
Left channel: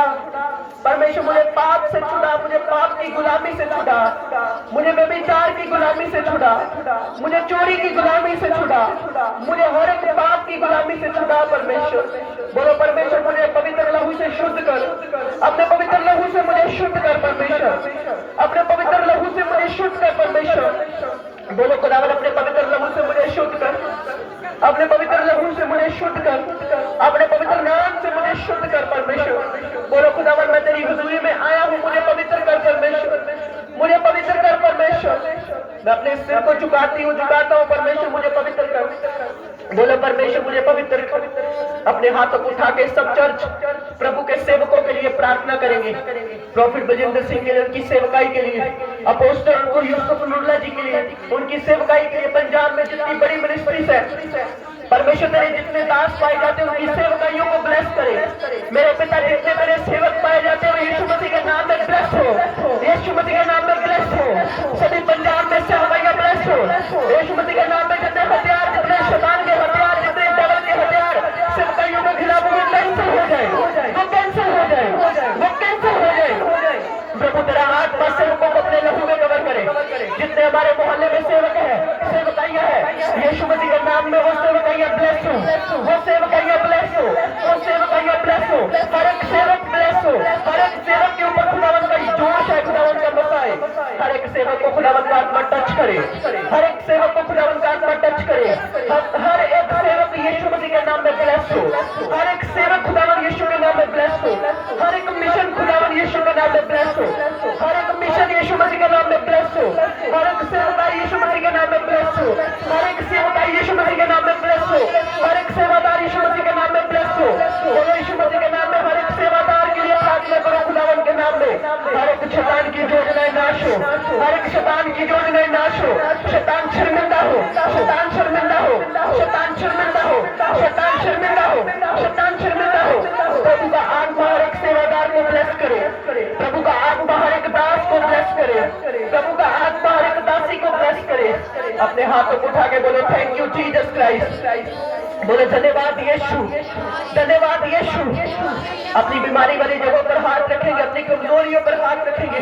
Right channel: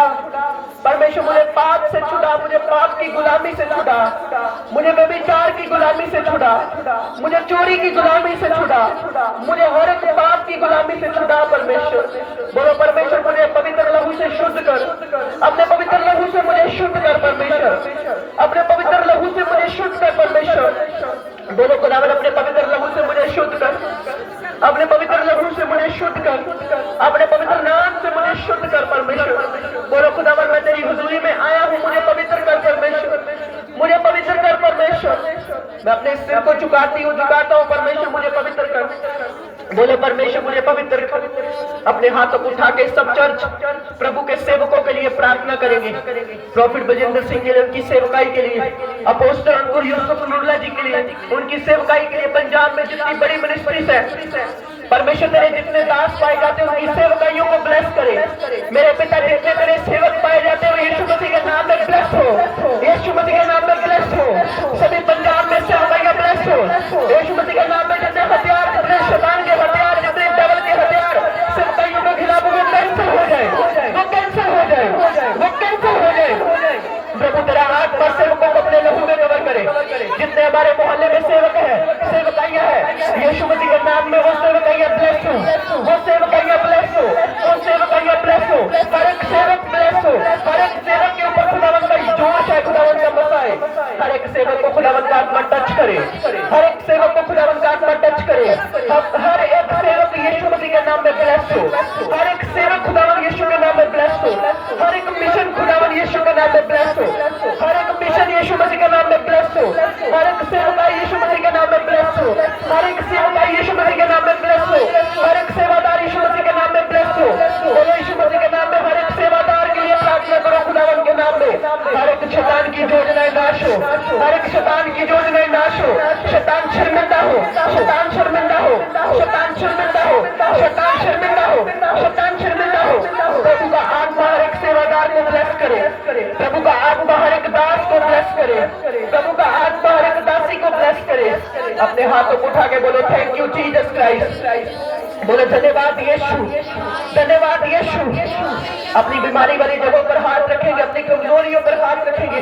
परमेश्वर मुझे पाप से छुड़ा, मुझे पाप की गुलामी से छुड़ा, मुझे व्यभिचार की गुलामी से छुड़ा, मुझे चोरी की गुलामी से छुड़ा, मुझे हर एक बात की गुलामी से छुड़ा परमेश्वर। बोलो परमेश्वर मुझे पवित्र लहू से शुद्ध कर, अपने पवित्र लहू से मुझे शुद्ध कर परमेश्वर, अपने पवित्र लहू से मुझे शुद्ध कर परमेश्वर। बोलो खुदावन अपने पवित्र लहू से मुझे शुद्ध कर, अपने पवित्र लहू से मुझे शुद्ध कर, अपने पवित्र नाम से मुझे शुद्ध कर परमेश्वर। बोलो खुदावन मैं तेरी हुजूरी में आया हूँ, मुझे पवित्र कर परमेश्वर, मुझे पवित्र कर परमेश्वर। मैं अपने सिर को झुकाता हूँ परमेश्वर, मुझे पवित्र कर। बोलो परमेश्वर मुझे पवित्र कर। अपने हाथों को उठा के सब चर्च प्रभु के सेवकों के लिए प्रार्थना करेंगे। प्रॉफिट बजेंद्र सिंह के लिए, उनकी सेवकाई के लिए, अपोस्टल अंकुर यूसुफ नुल्ला जी के लिए, उनकी सेवकाई के लिए, पंजाब में जितनी बड़ी मिनिस्ट्रीज है परमेश्वर तेरे जितने दास पाए जाते हैं उनकी सेवकाइयों को ब्लेस करे। मेरे पिता जितने मेरे सेवक पाए जाते हैं यीशु मसीह के नाम में ब्लेस हो, यीशु मसीह के नाम में ब्लेस हो। सभी पंजाब में सेवकाइयां ब्लेस हो यीशु मसीह के नाम में। जितने हथियार, जितने शैतान के हथियार, जितने डेविल के हथियार सेवकाइयों के खिलाफ वो कैंसिल हो जाए, वो कैंसिल हो जाए, वो कैंसिल हो जाए। प्रभु तेरा हाथ पर सेवकों को अपने लहू में कवर करे। जितने हमारे मोहल्ले में सेवक है, सेवकाइयां है, यीशु मसीह के नाम में वो सेवकाइयां ब्लेस हो, वो सेवकाइयां ब्लेस हो, वो सेवकाइयां ब्लेस हो। हर एक सेवक ब्लेस हो, हर एक सेवक के ऊपर खुदावन का जोश है, खुदावन का मसा है। हर एक सेवक को खुदावन का आत्मा टच करे, हर एक सेवक को खुदावन का आत्मा टच करे। हर एक सेवक यीशु मसीह के नाम में ब्लेस हो, हर एक सेवक खुदावन यीशु के नाम में ब्लेस हो। हर एक मिशन खुदावन यीशु के नाम में ब्लेस हो, हर एक मिशन यीशु मसीह के नाम में ब्लेस हो। हर एक सेवकाई यीशु मसीह के नाम में ब्लेस हो, हर एक सेवकाई यीशु मसीह के नाम में ब्लेस हो। हर एक सेवादार यीशु मसीह के नाम में ब्लेस हो। बोलो यीशु मसीह के नाम में हर एक सेवादार के लिए प्रार्थना करो खुदावन के नाम में। हर एक शैतान की योजनाएं नाश हो, हर एक शैतान की योजनाएं नाश हो। शैतान शर्मिंदा हो, शैतान शर्मिंदा हो, शैतान शर्मिंदा हो, शैतान शर्मिंदा हो, शैतान शर्मिंदा हो। प्रभु का आत्मा हर एक सेवादार को ब्लेस करे, प्रभु का आत्मा हर एक दास को ब्लेस करे, प्रभु का आत्मा हर एक दासी को ब्लेस करे। अपने हाथों को उठा के बोलो थैंक यू जीसस क्राइस्ट। बोलो धन्यवाद यीशु, धन्यवाद यीशु। अपनी बीमारी वाली जगहों पर हाथ रखेंगे, अपनी कमजोरियों पर हाथ रखेंगे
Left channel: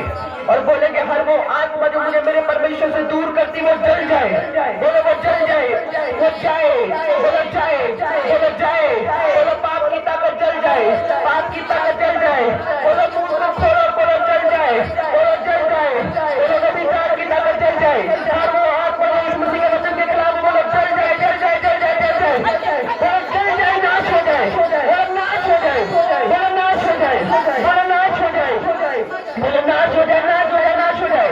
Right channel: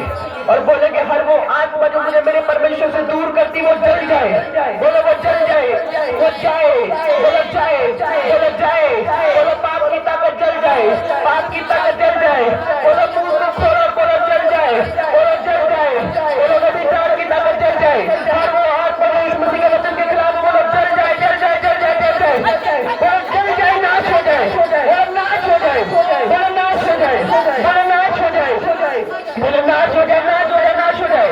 और बोलेंगे हर वो आत्मा जो मुझे मेरे परमेश्वर से दूर करती वो जल जाए। बोलो वो जल जाए, वो जाए, बोलो जाए, बोलो जाए, बोलो पाप की ताकत जल जाए, पाप की ताकत जल जाए। बोलो मुंह को खोलो, बोलो जल जाए, बोलो जल जाए, बोलो व्यभिचार की ताकत जल जाए। हर वो आत्मा जो इस मसीह के वचन के खिलाफ बोलो जल जाए, जल जाए, जल जाए, जल जाए, जल जाए, नाश हो जाए, नाश हो जाए, बोलो नाश हो जाए, बोलो नाश हो जाए, बोलो नाश हो जाए, नाश हो जाए, नाश हो जाए।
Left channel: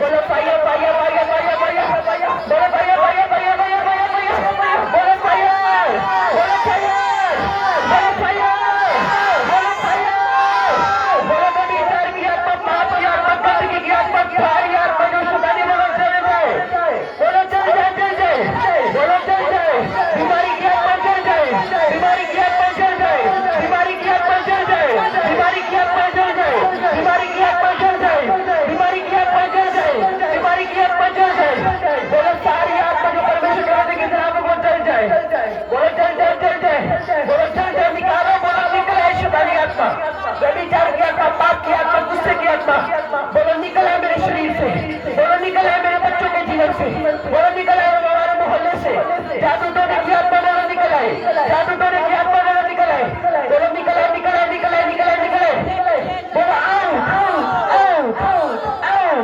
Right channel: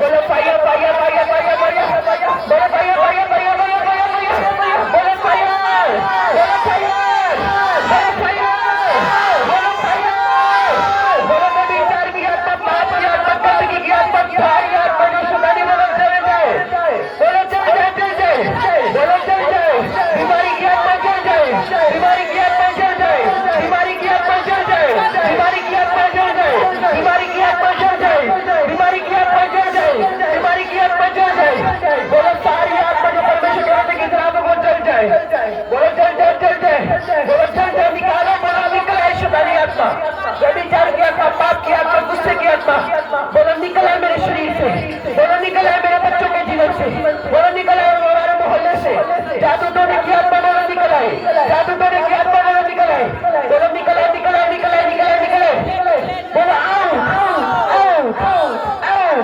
बोलो fire, fire, fire, fire, fire, बोलो फायर, फायर, फायर, फायर, बोलो फायर, बोलो फायर, बोलो फायर, बोलो फायर, बोलो व्यभिचार की आत्मा, पाप की आत्मा, गंदगी की आत्मा, भारी आत्मा जो शैतानी बोलो जल जाए, बोलो जल जाए, जल जाए, बोलो जल जाए। बीमारी की आत्मा जल जाए, बीमारी की आत्मा जल जाए, बीमारी की आत्मा जल जाए, बीमारी की आत्मा जल जाए, बीमारी की आत्मा जल जाए, बीमारी की आत्मा जल जाए, बीमारी की आत्मा जल जाए। बोलो सारी आत्मा जो परमेश्वर के वचन के खिलाफ है वो जल जाए, बोलो जल जाए, जल जाए, बोलो जल जाए। निकालो, बोलो निकले शैतानी आत्मा, व्यभिचार की आत्मा, पाप की आत्मा, गुस्से की आत्मा, बोलो निकल है मेरे शरीर से, बोलो निकल है मेरे बच्चों के जीवन से, बोलो निकल है हमारे मोहल्ले से। जादू टोने की आत्मा बोलो निकल आए, जादू टोने की आत्मा बोलो निकल आए, बोलो निकल आए, निकल आए, निकल आए, निकल आए, निकल आए, बोलो आओ, आओ, आओ, आओ,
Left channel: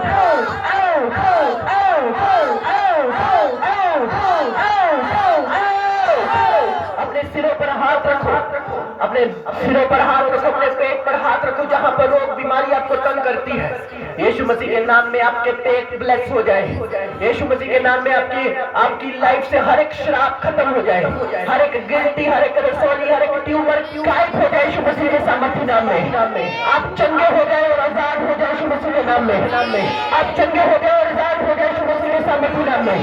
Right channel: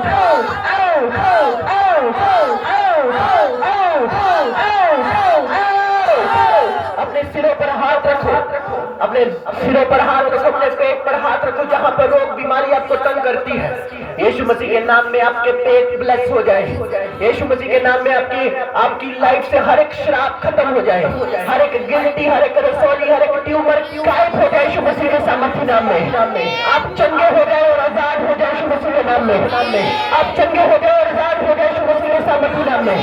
आओ, आओ, आओ, आओ, आओ, आओ, आओ। अपने सिरों पर हाथ रखो, अपने सिरों पर हाथ रखो, अपने पेट पर हाथ रखो जहां पर रोग बीमारी आपको तंग करती है। यीशु मसीह के नाम में आपके पेट ब्लेस हो जाए, यीशु मसीह के नाम में आपकी लाइफ से हर एक श्राप खत्म हो जाए, हर एक गिल्टी, हर एक रसौली, हर एक ट्यूमर गायब हो जाए यीशु मसीह के सामर्थ्य नाम में। आप चंगे हो जाए और आजाद हो जाए यीशु मसीह के नाम में। आप चंगे हो जाए और आजाद हो जाए यीशु मसीह के सामर्थ्य नाम में।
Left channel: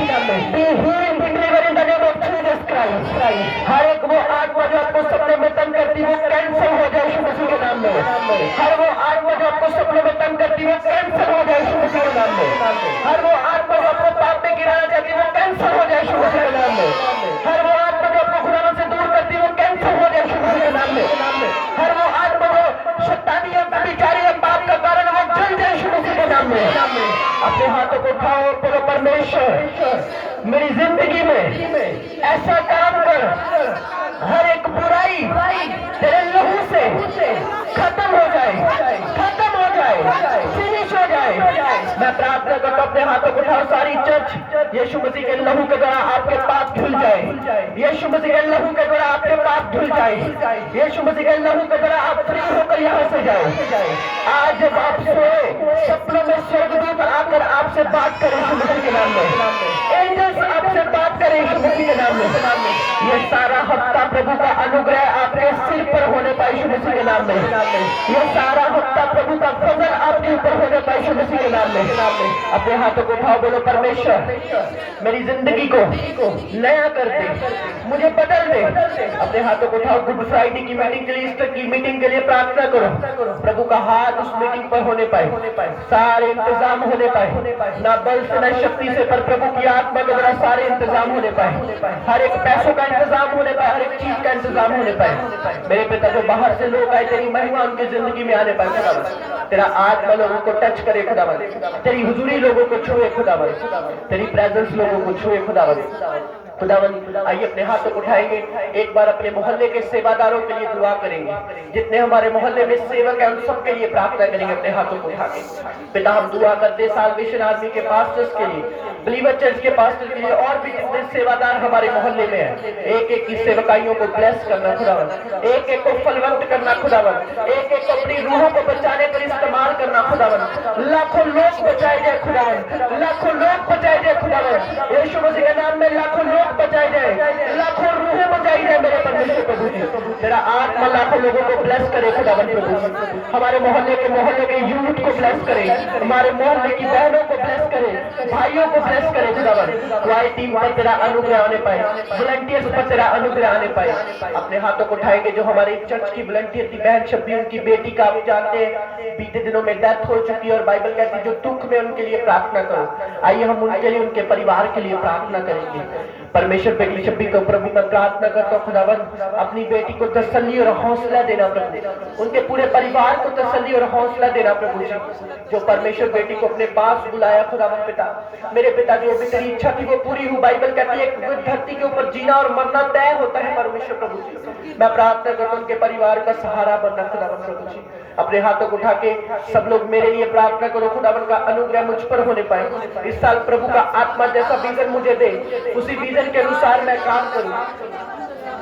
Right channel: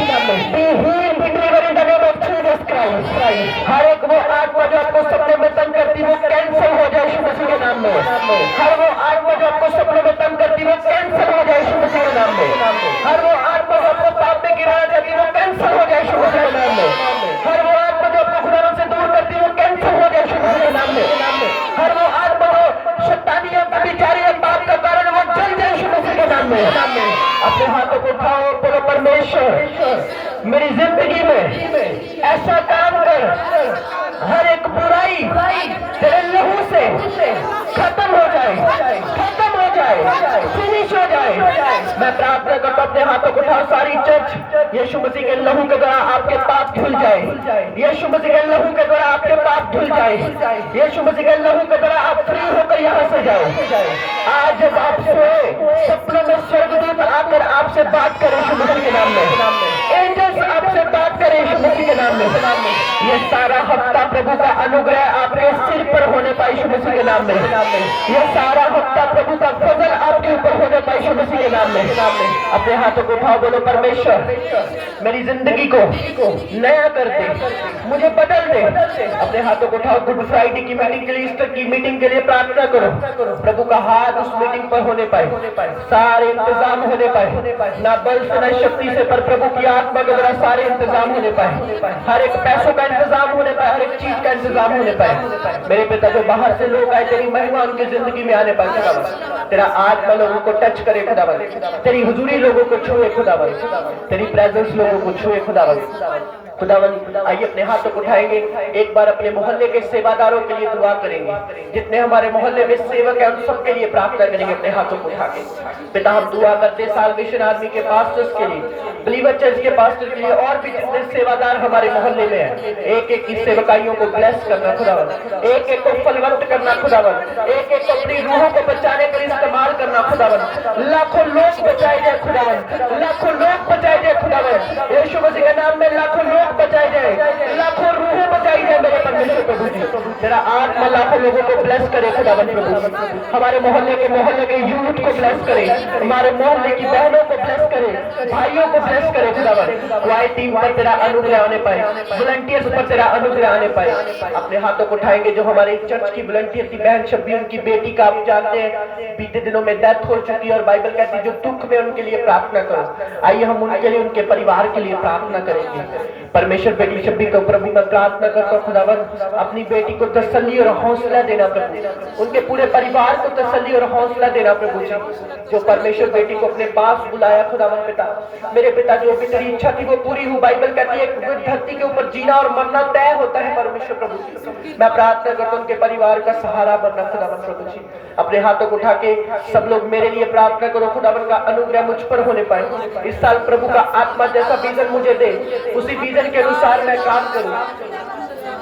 Be healed, be delivered in the name of Jesus Christ। हर एक वो आत्मा जो आपको सपने में तंग करती है वो कैंसिल हो जाए यीशु मसीह के नाम में। हर वो आत्मा जो आपको सपने में तंग करती है वो कैंसिल हो जाए यीशु मसीह के नाम में। हर वो आत्मा जो आपको पाप में गिराना चाहती है वो कैंसिल हो जाए यीशु मसीह के नाम में। हर वो आत्मा जो आपको खुदावन से दूर करती है वो कैंसिल हो जाए यीशु मसीह के नाम में। हर वो आत्मा जो शैतानी और व्यभिचारी और पाप का कारण वो जल जाए यीशु मसीह के नाम में। अपने हाथों को उठाओ, बोलो परमेश्वर मेरी जिंदगी में ऐसा काम कर, हर एक बुराई तेरे लहू से खत्म हो जाए, खत्म हो जाए, फिनिश हो जाए। मैं प्रार्थना करता हूं, अपने हाथों को उठाओ सारी चर्च, यीशु मसीह के लहू के द्वारा आपके पाप धुल जाए, यीशु मसीह के लहू के द्वारा आपके पाप धुल जाए, यीशु मसीह के लहू के द्वारा आप फ्री होकर यहाँ से जाए। आज जब आप सोए सपनों में स्वर्गदूत आकर आपसे बात करे यीशु मसीह के नाम में, एंजल्स आपसे बात करे यीशु मसीह के नाम में। ये सारा हफ्ता प्रभु का अनुग्रह आपके सिर पर होने पाए यीशु मसीह के नाम में। ये सारा हफ्ता प्रभु का फजल आपके ऊपर होने पाए यीशु मसीह के नाम में। अपने हाथों को उठाओ, बोलो परमेश्वर मेरी जिंदगी को नया कर दे, मुझे बदल दे। अपने हाथों को उठाओ, गुड फ्राइडे की मीटिंग के लिए, ईस्टर की मीटिंग के लिए प्रार्थना करो। प्रभु का हाथ उस मीटिंग पर होने पाए, सारे इंतजाम होने पाए, ना बल से ना शक्ति से, पर प्रभु की आत्मा के द्वारा सारे इंतजाम होने पाए। हर एक पैसों का इंतजाम होने पाए, हर एक चीज का इंतजाम होने पाए। मेरे पिता जो बाहर से लोग आए, तेरी महिमा उनकी जिंदगी में आने पाए खुदावन। तेरा आत्मा लोगों को टच करे खुदावन, तेरी हुजूरी लोगों को छुए खुदावन, तेरी प्रेजेंस लोगों को छुए खुदावन। खुदावन आइए अपने हाथों को उठाएंगे, एक बार अपने मोहल्ले के सेवादारों के लिए दुआ करेंगे। जितने हमारे मोहल्ले में सेवक हैं उन सबके लिए प्रार्थना करेंगे अपने हाथों को उठा के। पिता हम दुआ करते साल्वेशन आर्मी के पास्टर्स के लिए, बिलीवर चर्च के पास्टर के लिए, और भी जितने सेवादार हमारे मोहल्ले में हैं, एक एक की सेवकाइयों को ब्लेस करना खुदावन, एक एक को फलवंत करना खुदावन, एक एक को अपनी रूहों को बचाने पर इस्तेमाल करना खुदावन। लाखों लोग बचाए जाए खुदावन, लाखों लोग बचाए जाए खुदावन, यीशु मसीह के नाम में लाखों लोग बचाई जाए, लाखों रूहें बचाई जाए। मेरे परमेश्वर प्रभु जी तेरा आत्मा लाखों लोगों को ब्लेस करे खुदावन प्रभु। हमारे मोहल्ले के यूथ को ब्लेस करे, हमारे मोहल्ले की बहनों को ब्लेस करे, भाइयों को ब्लेस करे खुदावन। वाई टीम पर तेरा अनुग्रह आने पाए, वॉलंटियर्स पर तेरा अनुग्रह आने पाए। अपने हाथों को उठाएंगे जो हमारे चर्च की वॉलंटियर की बहन शब्बी, उनकी बेटी का आप जानते हैं बीते दिनों में डेथ हो चुकी है, और बाइबल कहती है जो दुख में उनके लिए प्रार्थना करो। आइए हम उनके लिए, उनके परिवार के लिए प्रार्थना करेंगे। परमेश्वर बेटी शब्बी को प्रभु मैं प्रार्थना करता हूँ खुदावन, अपनी बेटी को तसल्ली और हौसला देना प्रभु, उनके पूरे परिवार को तसल्ली और हौसला देना प्रभु जी। जो परमेश्वर बेटी को अपने पास बुलाया खुदावन पिता, मेरे पिता जो भी तेरी इच्छा थी वो पूरी हुई। बाइबल कहती है धरती के ऊपर जीना और मरना तय होता है परमेश्वर प्रभु जी। मैं प्रार्थना करता हूँ उनके परिवार का सहारा बनना खुदावन प्रभु जी। अपने हाथों को उठा के सब लोग मेरे लिए प्रार्थना करो, खुदावन का अनुग्रह मुझ पर होने पाए। इस साल प्रभु का आत्मा जैसा विजन मुझे दे, उसी विजन के अनुसार मैं काम करूं।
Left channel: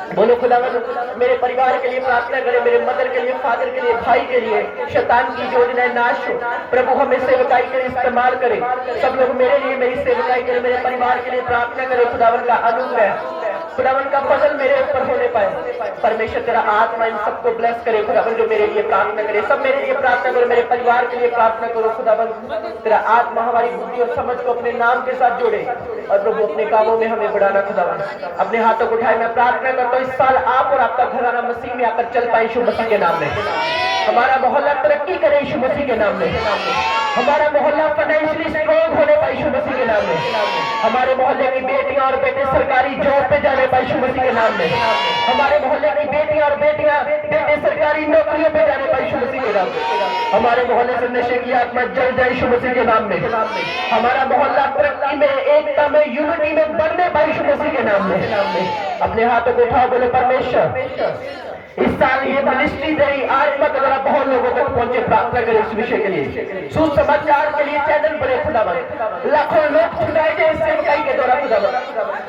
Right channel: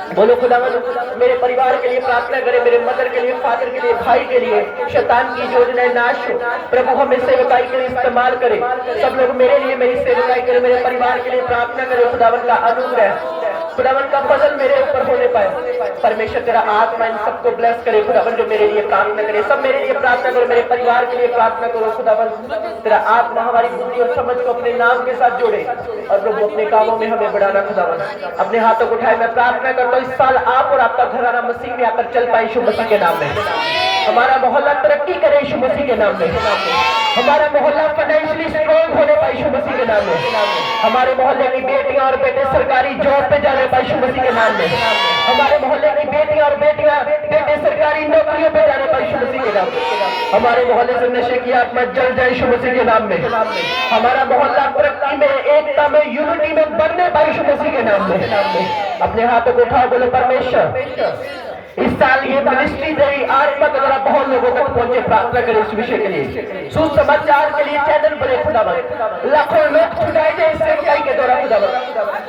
बोलो खुदावन मेरे परिवार के लिए प्रार्थना करें, मेरे मदर के लिए, फादर के लिए, भाई के लिए। शैतान की योजनाएं नाश हो, प्रभु हमें सेवकाई के लिए इस्तेमाल करे। सब लोग मेरे लिए मेरी सेवकाई करें, मेरे परिवार के लिए प्रार्थना करें। खुदावन का अनुग्रह, खुदावन का फजल मेरे ऊपर होने पाए। परमेश्वर तेरा आत्मा इन सबको ब्लेस करे खुदावन, जो मेरे लिए प्रार्थना करे। सब मेरे लिए प्रार्थना करो, मेरे परिवार के लिए प्रार्थना करो खुदावन। तेरा आत्मा हमारी बुद्धि और समझ को अपने नाम के साथ जोड़े, और प्रभु अपने कामों में हमें बढ़ाना खुदावन। अपने हाथों को उठाए मैं प्रार्थना करता हूँ इस साल आप और आपका घराना मसीह में आकर चल पाए यीशु मसीह के नाम में। हमारा मोहल्ला तरक्की करे यीशु मसीह के नाम में। हमारा मोहल्ला फाइनेंशियली स्ट्रॉन्ग होने पाए यीशु मसीह के नाम में। हमारे मोहल्ले की बेटियां और बेटे सरकारी जॉब पे जाने पाए यीशु मसीह के नाम में। हमारे मोहल्ले की बेटियां और बेटे सरकारी नौकरियों पे जाने पाए यीशु मसीह के नाम में। हमारे मोहल्ले से नशे की आत्मा जल जाए यीशु मसीह के नाम में। हमारा मोहल्ला तरक्की में, एकता में, यूनिटी में बढ़ने पाए यीशु मसीह के नाम में। अपने हाथों को उठाओ, बोलो परमेश्वर इस साल ये मिनिस्ट्री तेरी आत्मा के द्वारा बहुत लोगों तक पहुंचे। प्रार्थना करें इस विषय के लिए, सुसमाचार के लिए चैनल बने खुदावन, लाखों लोग छुड़ाए जाए इस सेवकाई के द्वारा खुदावन।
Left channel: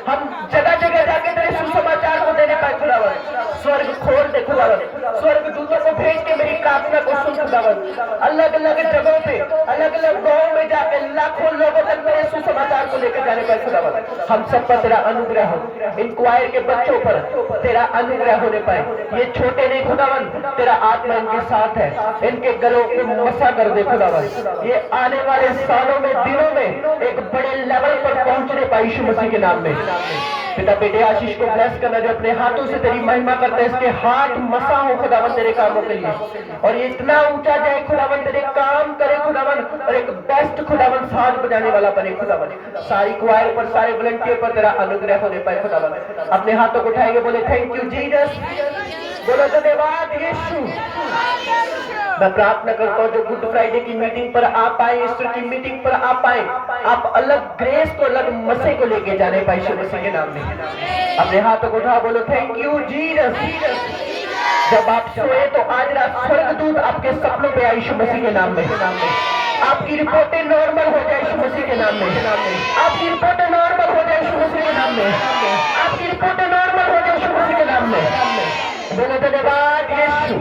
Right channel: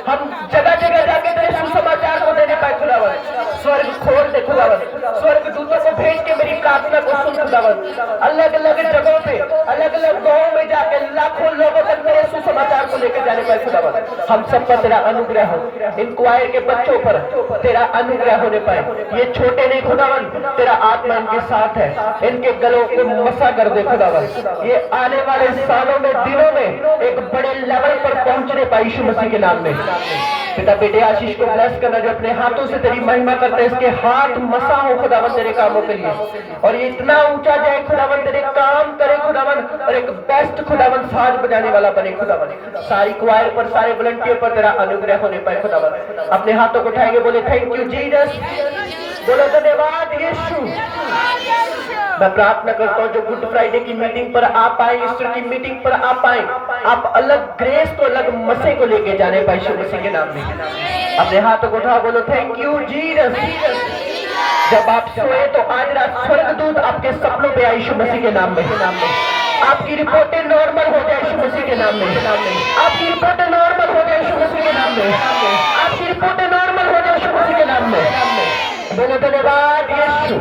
हम जगह जगह जाके तेरे सुसमाचार को देने पाए खुदावन। स्वर्ग खोल दे खुदावन, स्वर्ग दूतों को भेज के मेरी प्रार्थना को सुन खुदावन। अलग अलग जगहों पे, अलग अलग गाँव में जाके लाखों लोगों तक मेरे सुसमाचार को लेकर जाने पाए खुदावन। हम सब पर तेरा अनुग्रह हो, इंक्वायर के बच्चों पर तेरा अनुग्रह होने पाए। ये छोटे नहीं खुदावन, तेरा आत्मा इनके साथ है, इनके गलों को मसा कर दे खुदावन। ये आने वाले सालों में, दिनों में एक बड़े लेवल पर पहुंचने पाए यीशु मसीह के नाम में। पिता बेटे आशीष को ब्लेस करना, जो अपने हाथों से तेरी महिमा करता है, इसके हाथ मसा हो खुदावन तेरे कामों के लिए, और ये इतना ऊंचा जाए खुदावन, तेरे काम करे खुदावन, और एक बेस्ट खुदावन साज बजाने वाला बने खुदावन। सारी क्वायर पर, सारे वॉलंटियर पर तेरा अनुग्रह होने पाए खुदावन। अपने हाथों को उठाएंगे, बोले थैंक यू जीसस, बोलो धन्यवाद यीशु। मैं प्रार्थना करता हूँ जो गुड फ्राइडे की मीटिंग पर आप आए, ईस्टर की मीटिंग पर आप आए, आप अलग ग्रेस को, अलग मसे को लेके जाने पाए यीशु मसीह के नाम में। अपने हाथों को उठाओ, बोलो थैंक यू जीसस। जब आप सोए तो आज रात स्वर्गदूत आपके सपनों पे आए यीशु मसीह के नाम में। आपकी रिपोर्टें नॉर्मल हो जाए यीशु मसीह के नाम में। आपकी रिपोर्टें नॉर्मल हो जाए यीशु मसीह के नाम में। आपकी रिपोर्टें नॉर्मल हो जाए यीशु मसीह के नाम में। दोनों धन्यवाद यीशु।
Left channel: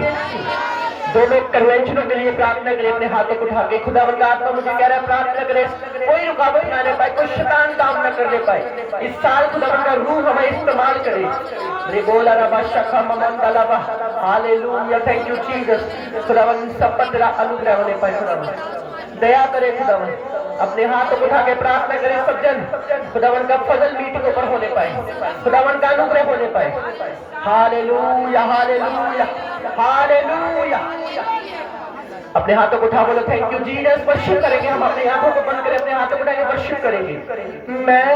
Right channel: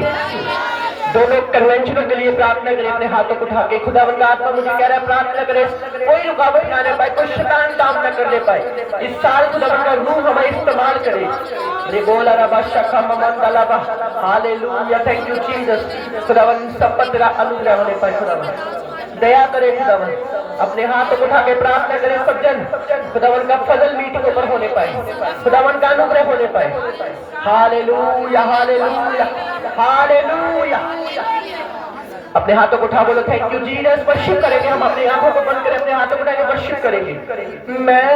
दोनों कन्वेंशनों के लिए प्रार्थना करें, अपने हाथों को उठा के। खुदावंद का आत्मा मुझे कह रहा है प्रार्थना करें, कोई रुकावट ना आने पाए, कोई शैतान काम न करने पाए। इस साल खुदावंद का रूह हमें इस्तेमाल करे। रिबोला रबा शखा ममंदला बा, हालेलुया, थैंक यू जीसस। खुदावंद सब पर तेरा अनुग्रह होने पाए। खुदावंद दया करे, खुदावंद अपने हाथों को उठा के प्रार्थना करें सब जन। खुदावंद का फजल मीटिंग पर होने पाए, खुदावंद का अनुग्रह होने पाए। Hallelujah hallelujah hallelujah. अपने हाथों को उठा बोलो थैंक यू जीसस। वर्शिप करेंगे हम, अपने आंखों को बंद करें, अपने हाथों को उठाकर वर्शिप करेंगे। मैं